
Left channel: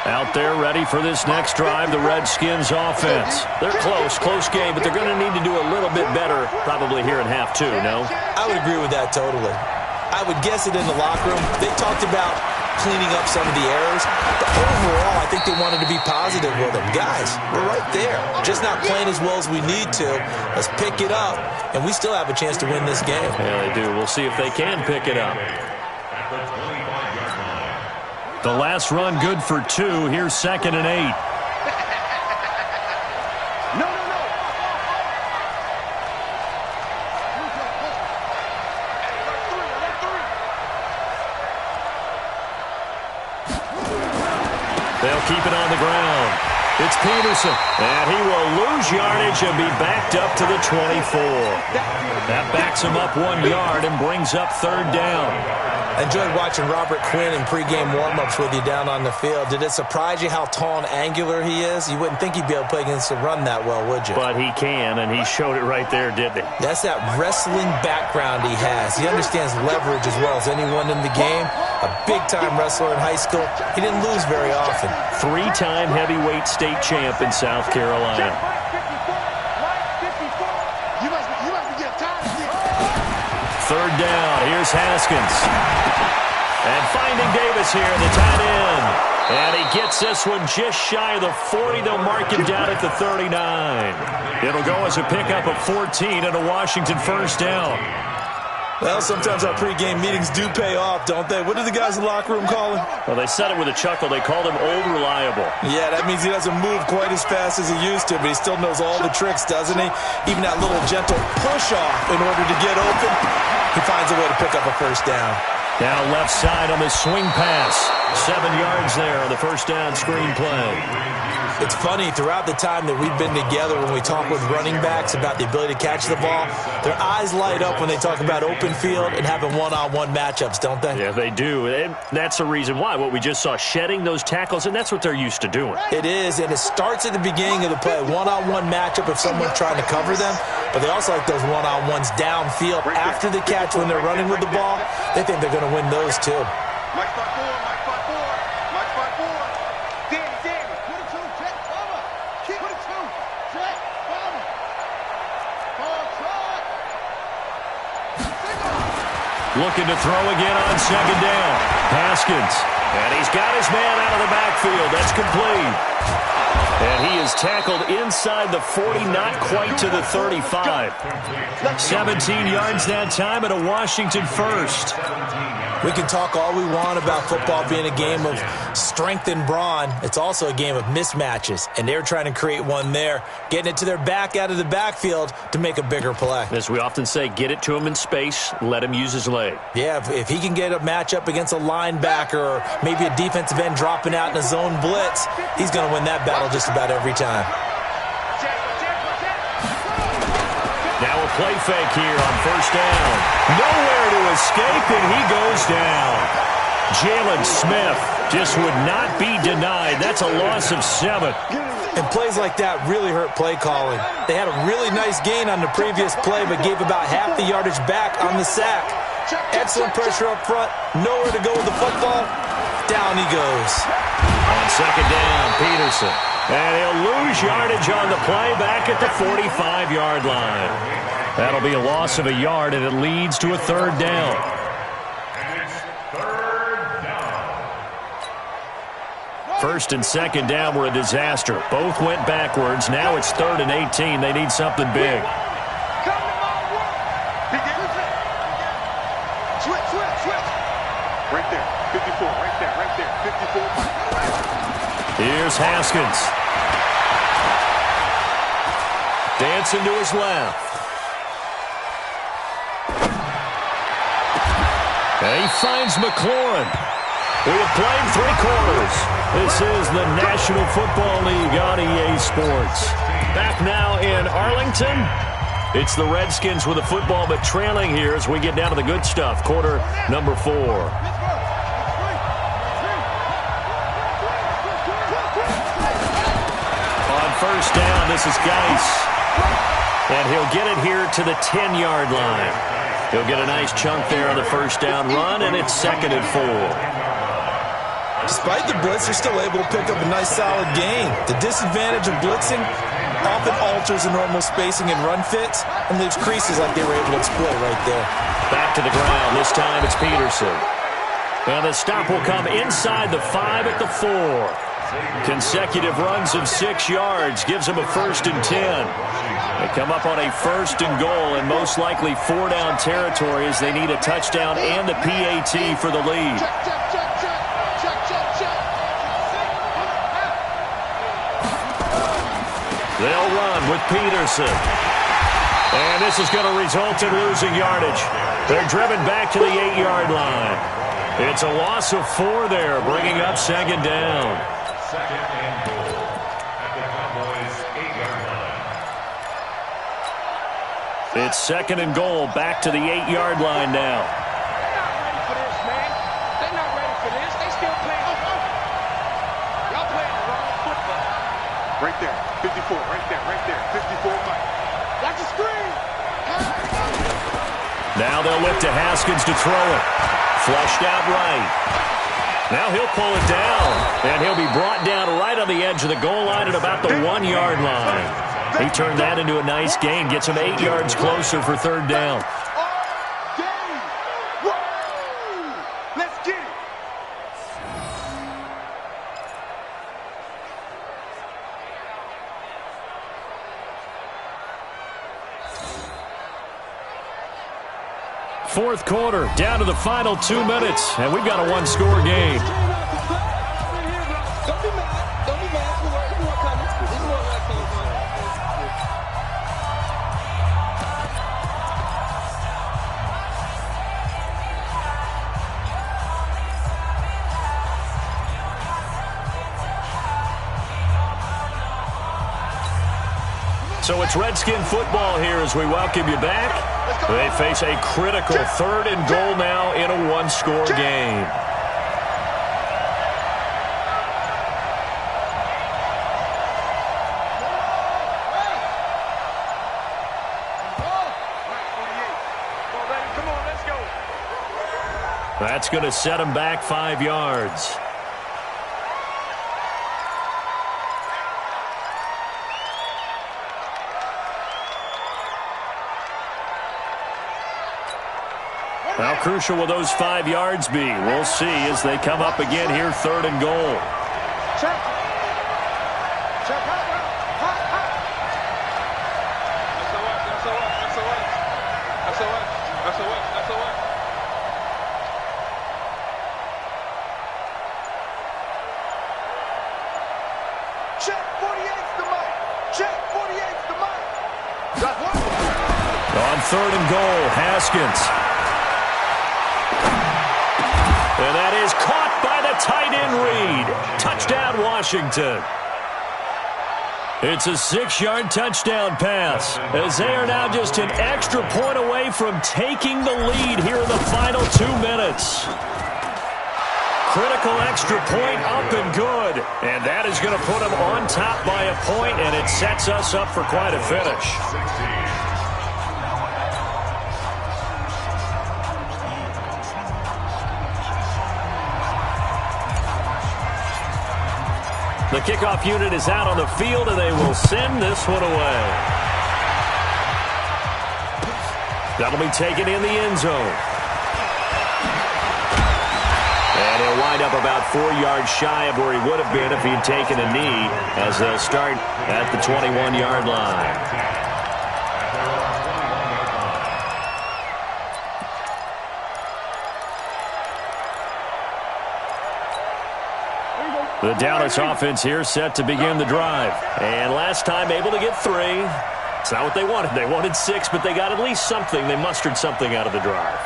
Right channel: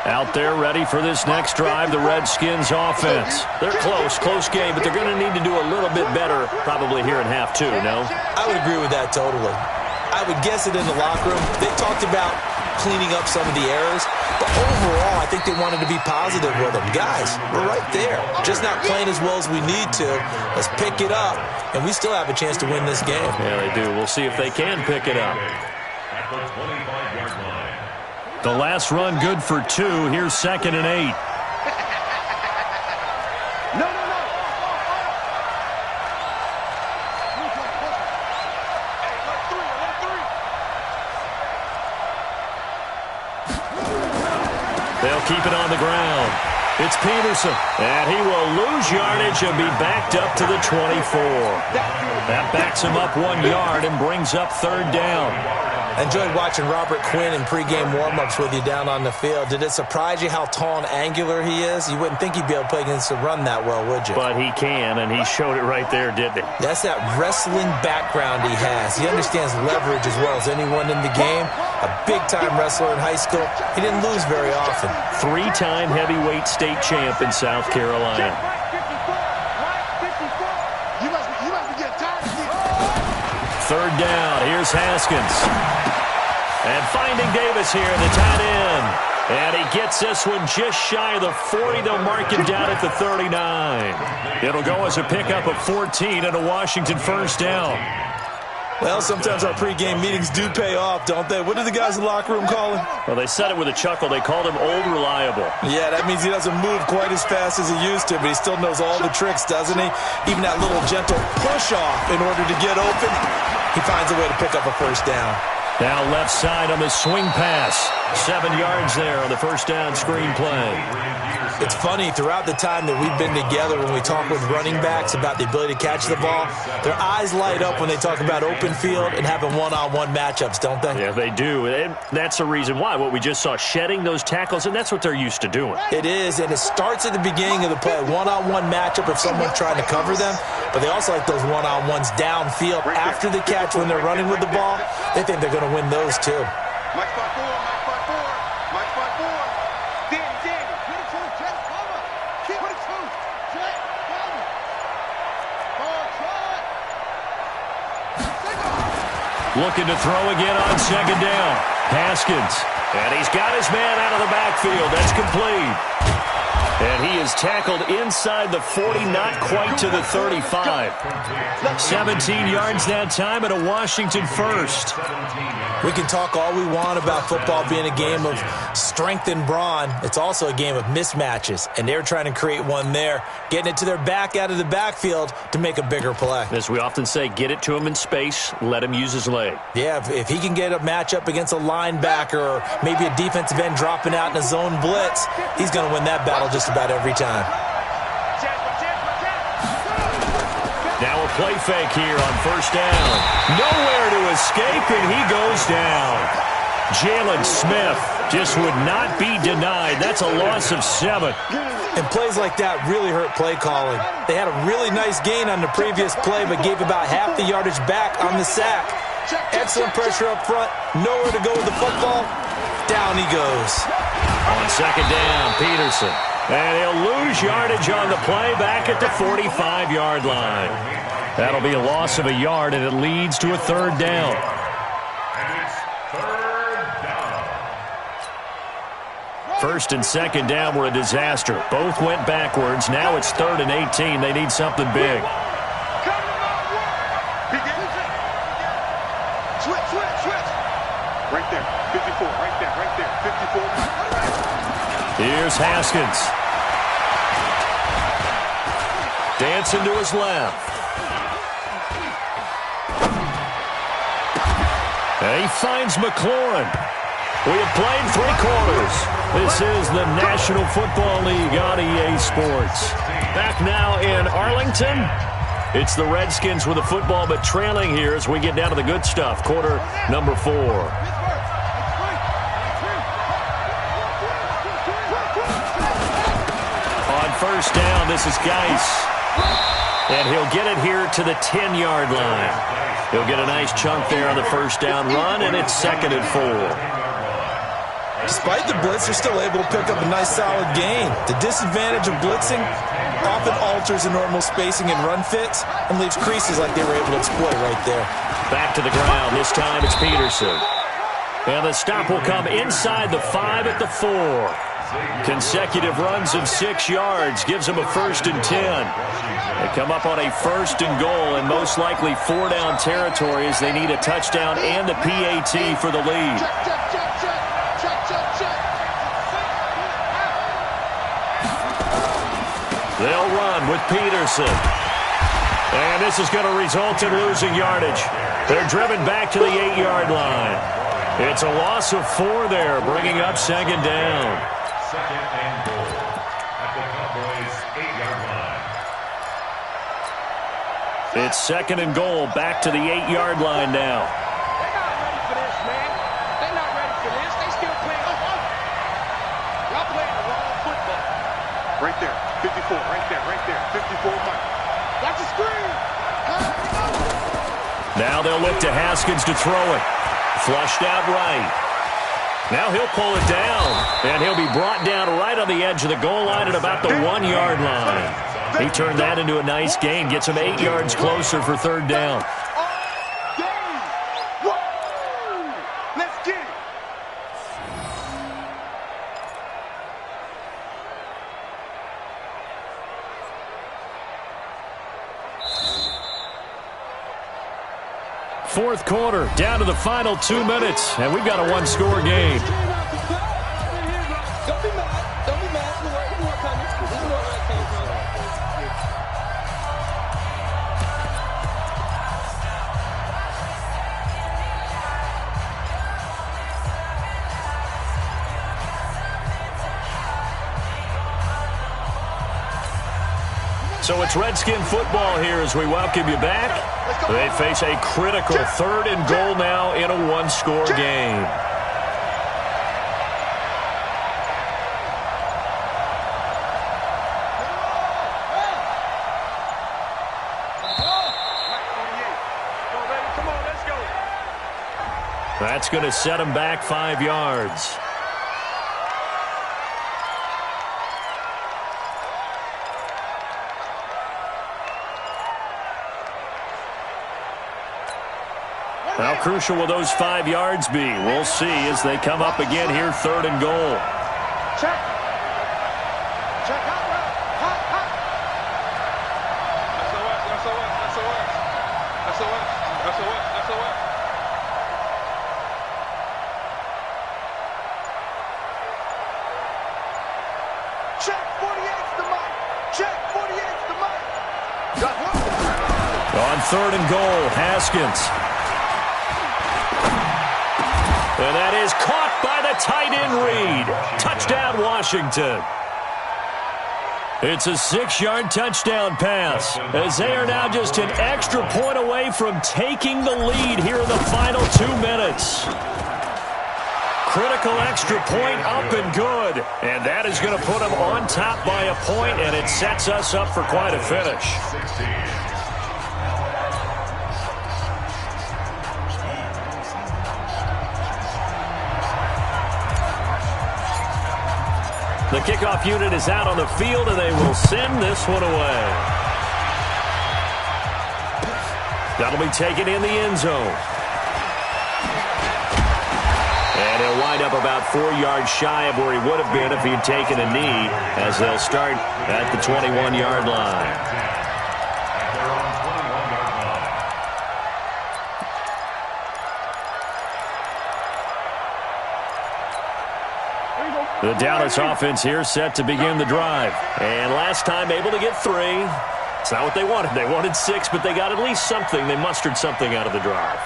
Out there ready for this next drive, the Redskins offense. They're close game, but they're going to need to do a little bit better probably here in half 2, no? I would agree with that totally. I would guess it in the locker room. They talked about cleaning up some of the errors, but overall, I think they wanted to be positive with them. Guys, we're right there. Just not playing as well as we need to. Let's pick it up, and we still have a chance to win this game. Yeah, they do. We'll see if they can pick it up. At the 25-yard line. The last run good for 2. Here's 2nd and 8. No. They'll keep it on the ground. It's Peterson, and he will lose yardage and be backed up to the 24. That backs him up 1 yard and brings up 3rd down. I enjoyed watching Robert Quinn in pregame warm-ups with you down on the field. Did it surprise you how tall and angular he is? You wouldn't think he'd be able to play against the run that well, would you? But he can, and he showed it right there, didn't he? That's that wrestling background he has. He understands leverage as well as anyone in the game. A big-time wrestler in high school. He didn't lose very often. 3-time heavyweight state champ in South Carolina. You must be getting tired of this. 3rd down. Here's Haskins. And finding Davis here, the tight end. And he gets this one just shy of the 40. They'll mark him down at the 39. It'll go as a pickup of 14 and a Washington 1st down. Well, sometimes our pregame meetings do pay off, don't they? What did the guys in the locker room call him? Well, they said it with a chuckle. They called him Old Reliable. Yeah, that means he doesn't move quite as fast as he used to, but he still knows all the tricks, doesn't he? Even that little gentle push-off in order to get open, he finds a way to pick up a 1st down. Now left side on the swing pass. 7 yards there on the 1st down screen play. It's funny, throughout the time that we've been together, when we talk with running backs about the ability to catch the ball, their eyes light up when they talk about open field and having one-on-one matchups, don't they? Yeah, they do. And that's the reason why. What we just saw, shedding those tackles, and that's what they're used to doing. It is, and it starts at the beginning of the play. One-on-one matchup if someone's trying to cover them, but they also like those one-on-ones downfield after the catch when they're running with the ball. They think they're going to win those too. Mike spot 4. Danny. Put it 2, check, cover. Keep it 2, check, cover. Ball shot. Looking to throw again on 2nd down. Haskins. And he's got his man out of the backfield. That's complete. And he is tackled inside the 40, not quite to the 35. 17 yards that time and a Washington 1st. We can talk all we want about football being a game of strength and brawn. It's also a game of mismatches, and they're trying to create one there, getting it to their back out of the backfield to make a bigger play. As we often say, get it to him in space, let him use his leg. Yeah, if he can get a matchup against a linebacker or maybe a defensive end dropping out in a zone blitz, he's going to win that battle just about every time. Now a play fake here on 1st down. Nowhere to escape, and he goes down. Jalen Smith just would not be denied. That's a loss of 7. And plays like that really hurt play calling. They had a really nice gain on the previous play, but gave about half the yardage back on the sack. Excellent pressure up front. Nowhere to go with the football. Down he goes. On 2nd down, Peterson. And he'll lose yardage on the play back at the 45-yard line. That'll be a loss of a yard, and it leads to a 3rd down. And it's 3rd down. First and second down were a disaster. Both went backwards. Now it's 3rd and 18. They need something big. Come to my work. Switch. Right there. 54. Right there. 54. Here's Haskins. Dancing to his left. And he finds McLaurin. We have played 3 quarters. This is the National Football League on EA Sports. Back now in Arlington. It's the Redskins with the football, but trailing here as we get down to the good stuff. Quarter number 4. On first down, this is Geis. And he'll get it here to the 10-yard line. He'll get a nice chunk there on the first down run, and it's 2nd and 4. Despite the blitz, they're still able to pick up a nice solid gain. The disadvantage of blitzing often alters the normal spacing and run fits and leaves creases like they were able to exploit right there. Back to the ground. This time it's Peterson. And the stop will come inside the 5 at the 4. Consecutive runs of 6 yards gives them a 1st and 10. They come up on a 1st and goal and most likely 4-down territory as they need a touchdown and a PAT for the lead. They'll run with Peterson. And this is going to result in losing yardage. They're driven back to the 8-yard line. It's a loss of 4 there, bringing up 2nd down. 2nd and goal at the Cowboys' 8-yard line. It's 2nd and goal, back to the 8-yard line now. They're not ready for this, man. They're not ready for this. They still playing. Y'all playing the wrong football. Right there. 54. Right there. 54 Mike. Watch the screen. Now they'll look to Haskins to throw it. Flushed out right. Now he'll pull it down, and he'll be brought down right on the edge of the goal line at about the 1-yard line. He turned that into a nice gain, gets him 8 yards closer for 3rd down. Let's get it. Fourth quarter, down to the final 2 minutes, and we've got a 1-score game. Don't be mad. Don't be mad. There's more coming. There's more where that came from. So it's Redskin football here as we welcome you back. They face a critical 3rd and goal now in a 1-score game. Come on, let's go. That's going to set them back 5 yards. How crucial will those 5 yards be? We'll see as they come up again here, 3rd and goal. Check. Check out route. Hot. SOS. Check 48's the mic. Check 48's the mic. Got one. On 3rd and goal, Haskins. And that is caught by the tight end Reed. Touchdown, Washington. It's a 6-yard touchdown pass as they are now just an extra point away from taking the lead here in the final 2 minutes. Critical extra point up and good. And that is going to put them on top by a point, and it sets us up for quite a finish. 16. The kickoff unit is out on the field, and they will send this one away. That'll be taken in the end zone. And he'll wind up about 4 yards shy of where he would have been if he had taken a knee, as they'll start at the 21-yard line. The Dallas offense here set to begin the drive. And last time able to get 3. It's not what they wanted. They wanted 6, but they got at least something. They mustered something out of the drive.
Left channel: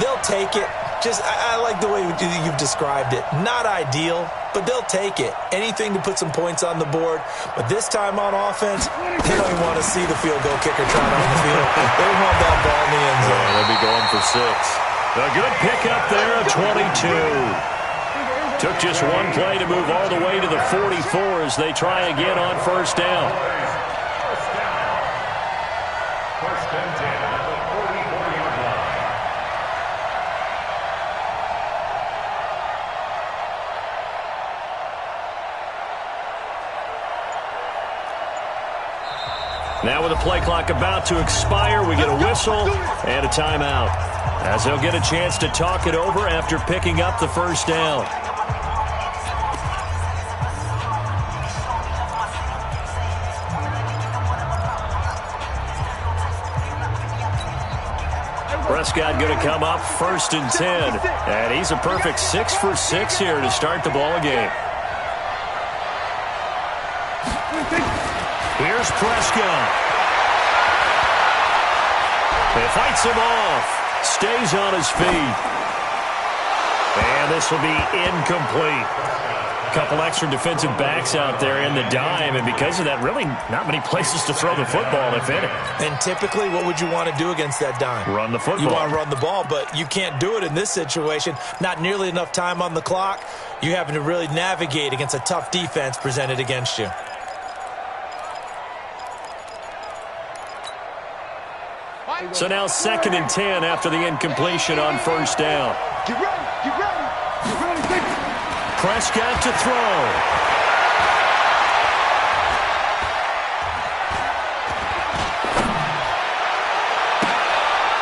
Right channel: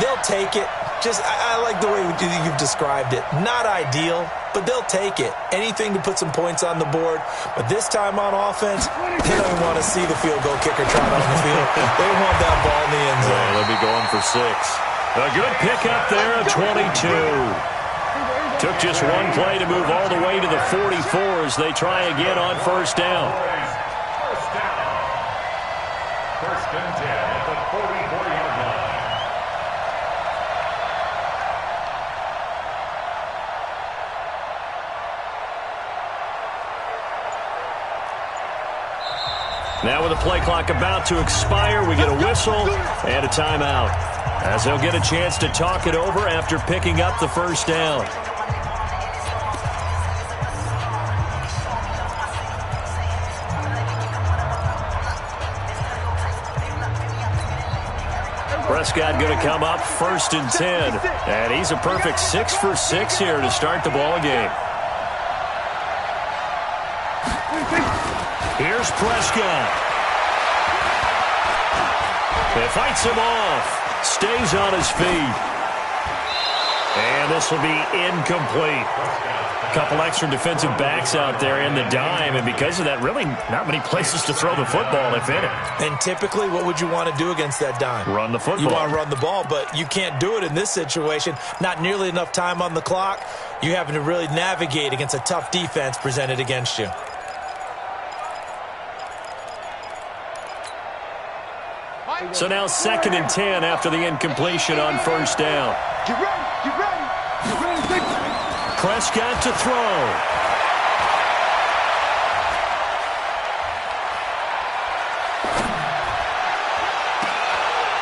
They'll take it. I like the way you've described it. Not ideal, but they'll take it. Anything to put some points on the board. But this time on offense, they don't even want to see the field goal kicker trot on the field. They want that ball in the end zone. Yeah, they'll be going for 6. A good pickup there of 22. Took just one play to move all the way to the 44 as they try again on first down. First and 10 at the 44-yard line. Now with the play clock about to expire, we get a whistle and a timeout, as they'll get a chance to talk it over after picking up the first down. Prescott going to come up first and 10. And he's a perfect 6 for 6 here to start the ball game. Here's Prescott. He fights him off. Stays on his feet. And this will be incomplete. A couple extra defensive backs out there in the dime, and because of that, really not many places to throw the football, if any. And typically, what would you want to do against that dime? Run the football. You want to run the ball, but you can't do it in this situation. Not nearly enough time on the clock. You having to really navigate against a tough defense presented against you. So now 2nd and 10 after the incompletion on first down. Get ready, get ready, get ready, take it. Prescott to throw.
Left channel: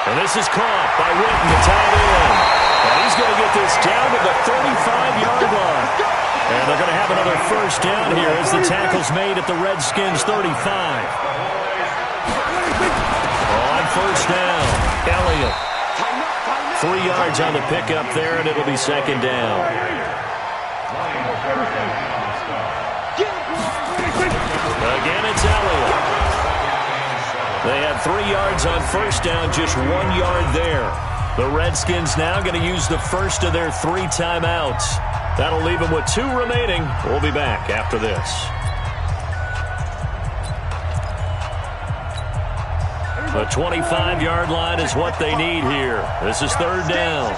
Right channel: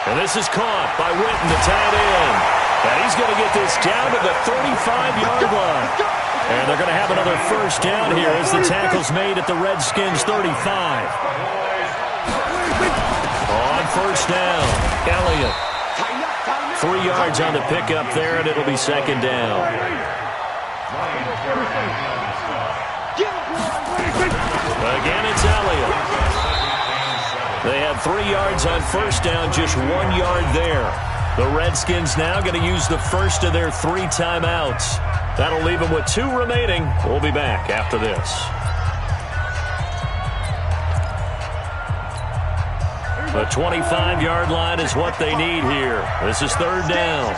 And this is caught by Witten, the tight end. And he's going to get this down to the 35-yard line. And they're going to have another first down here as the tackle's made at the Redskins' 35. On first down, Elliott. 3 yards on the pickup there, and it'll be 2nd down. Again, it's Elliott. They had 3 yards on first down, just 1 yard there. The Redskins now going to use the first of their 3 timeouts. That'll leave them with 2 remaining. We'll be back after this. The 25-yard line is what they need here. This is 3rd down.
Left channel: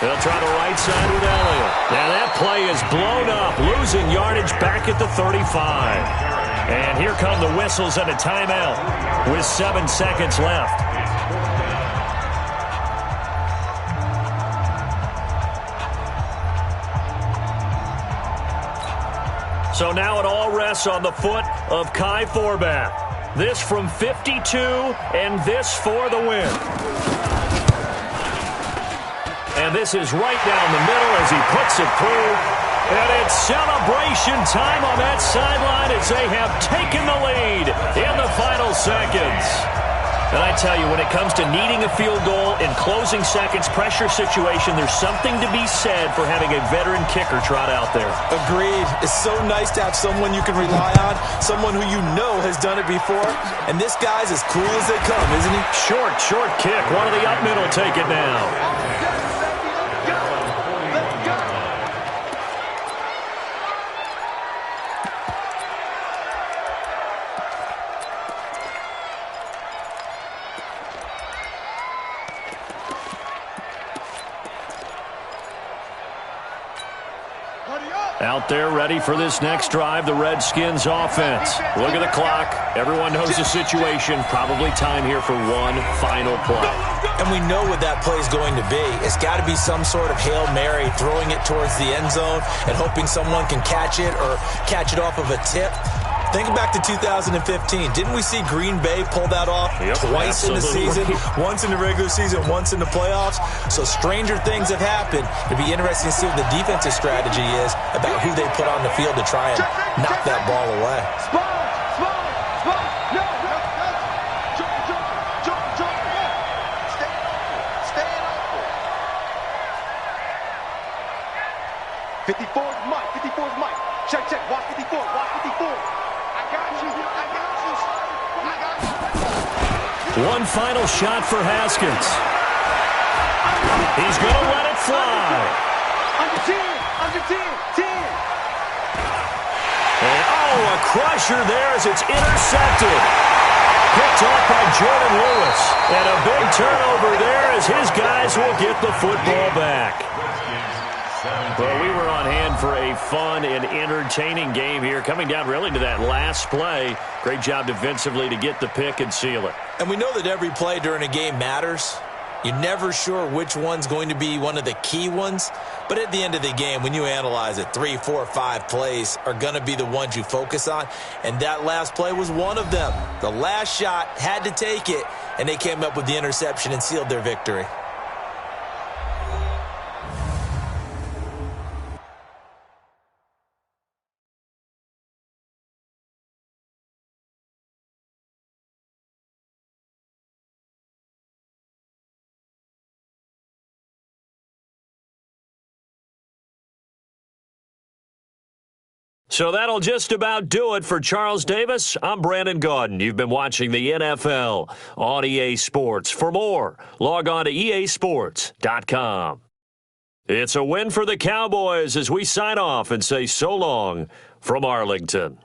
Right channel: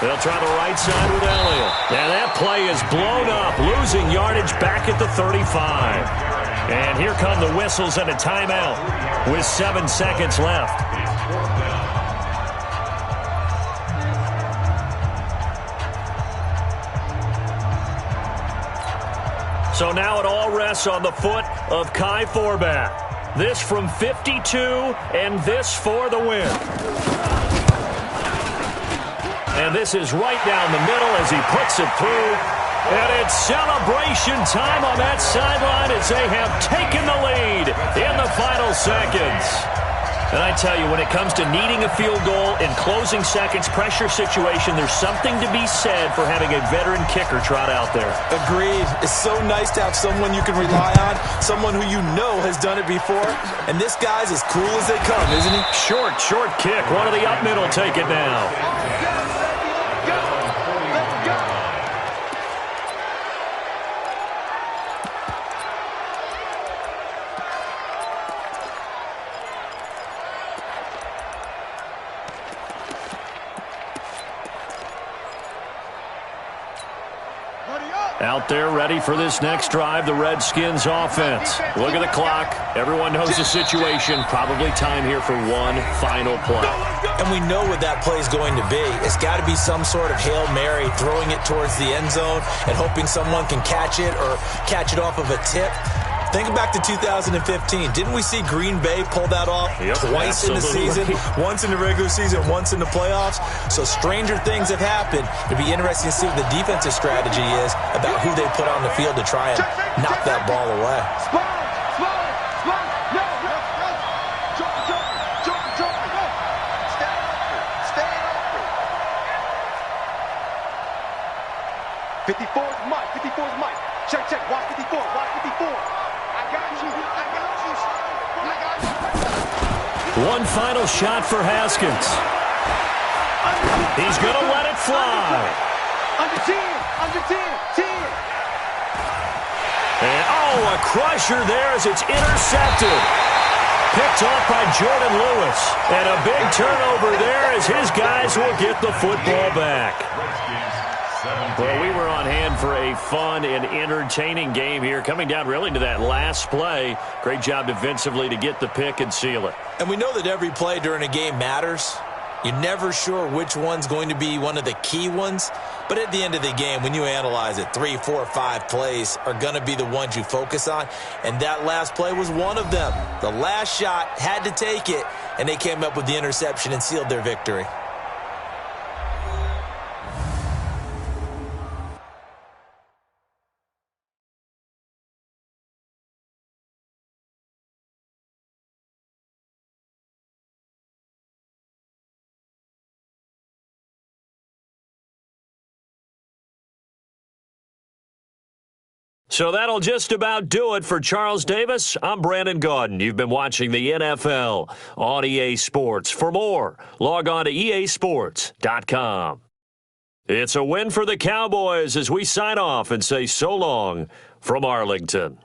They'll try the right side with Elliott. And that play is blown up, losing yardage back at the 35. And here come the whistles and a timeout with 7 seconds left. So now it all rests on the foot of Kai Forbath. This from 52, and this for the win. And this is right down the middle as he puts it through. And it's celebration time on that sideline as they have taken the lead in the final seconds. And I tell you, when it comes to needing a field goal in closing seconds, pressure situation, there's something to be said for having a veteran kicker trot out there. Agreed. It's so nice to have someone you can rely on, someone who you know has done it before. And this guy's as cool as they come, isn't he? Short kick. One of the up mid will take it now. Out there ready for this next drive, the Redskins offense. Look at the clock. Everyone knows the situation. Probably time here for one final play. And we know what that play is going to be. It's got to be some sort of Hail Mary, throwing it towards the end zone and hoping someone can catch it or catch it off of a tip. Think back to 2015. Didn't we see Green Bay pull that off twice in the season? Once in the regular season, once in the playoffs. So stranger things have happened. It'd be interesting to see what the defensive strategy is about who they put on the field to try and knock that ball away. Mike. Check. Watch 54. I got you, son. I got you. One final shot for Haskins. He's going to let it fly. Under 10. And, a crusher there as it's intercepted. Picked off by Jordan Lewis. And a big turnover there as his guys will get the football back. Well, we were on hand for a fun and entertaining game here, coming down really to that last play. Great job defensively to get the pick and seal it. And we know that every play during a game matters. You're never sure which one's going to be one of the key ones. But at the end of the game, when you analyze it, 3, 4, 5 plays are going to be the ones you focus on. And that last play was one of them. The last shot had to take it, and they came up with the interception and sealed their victory. So that'll just about do it for Charles Davis. I'm Brandon Gaudin. You've been watching the NFL on EA Sports. For more, log on to easports.com. It's a win for the Cowboys as we sign off and say so long from Arlington.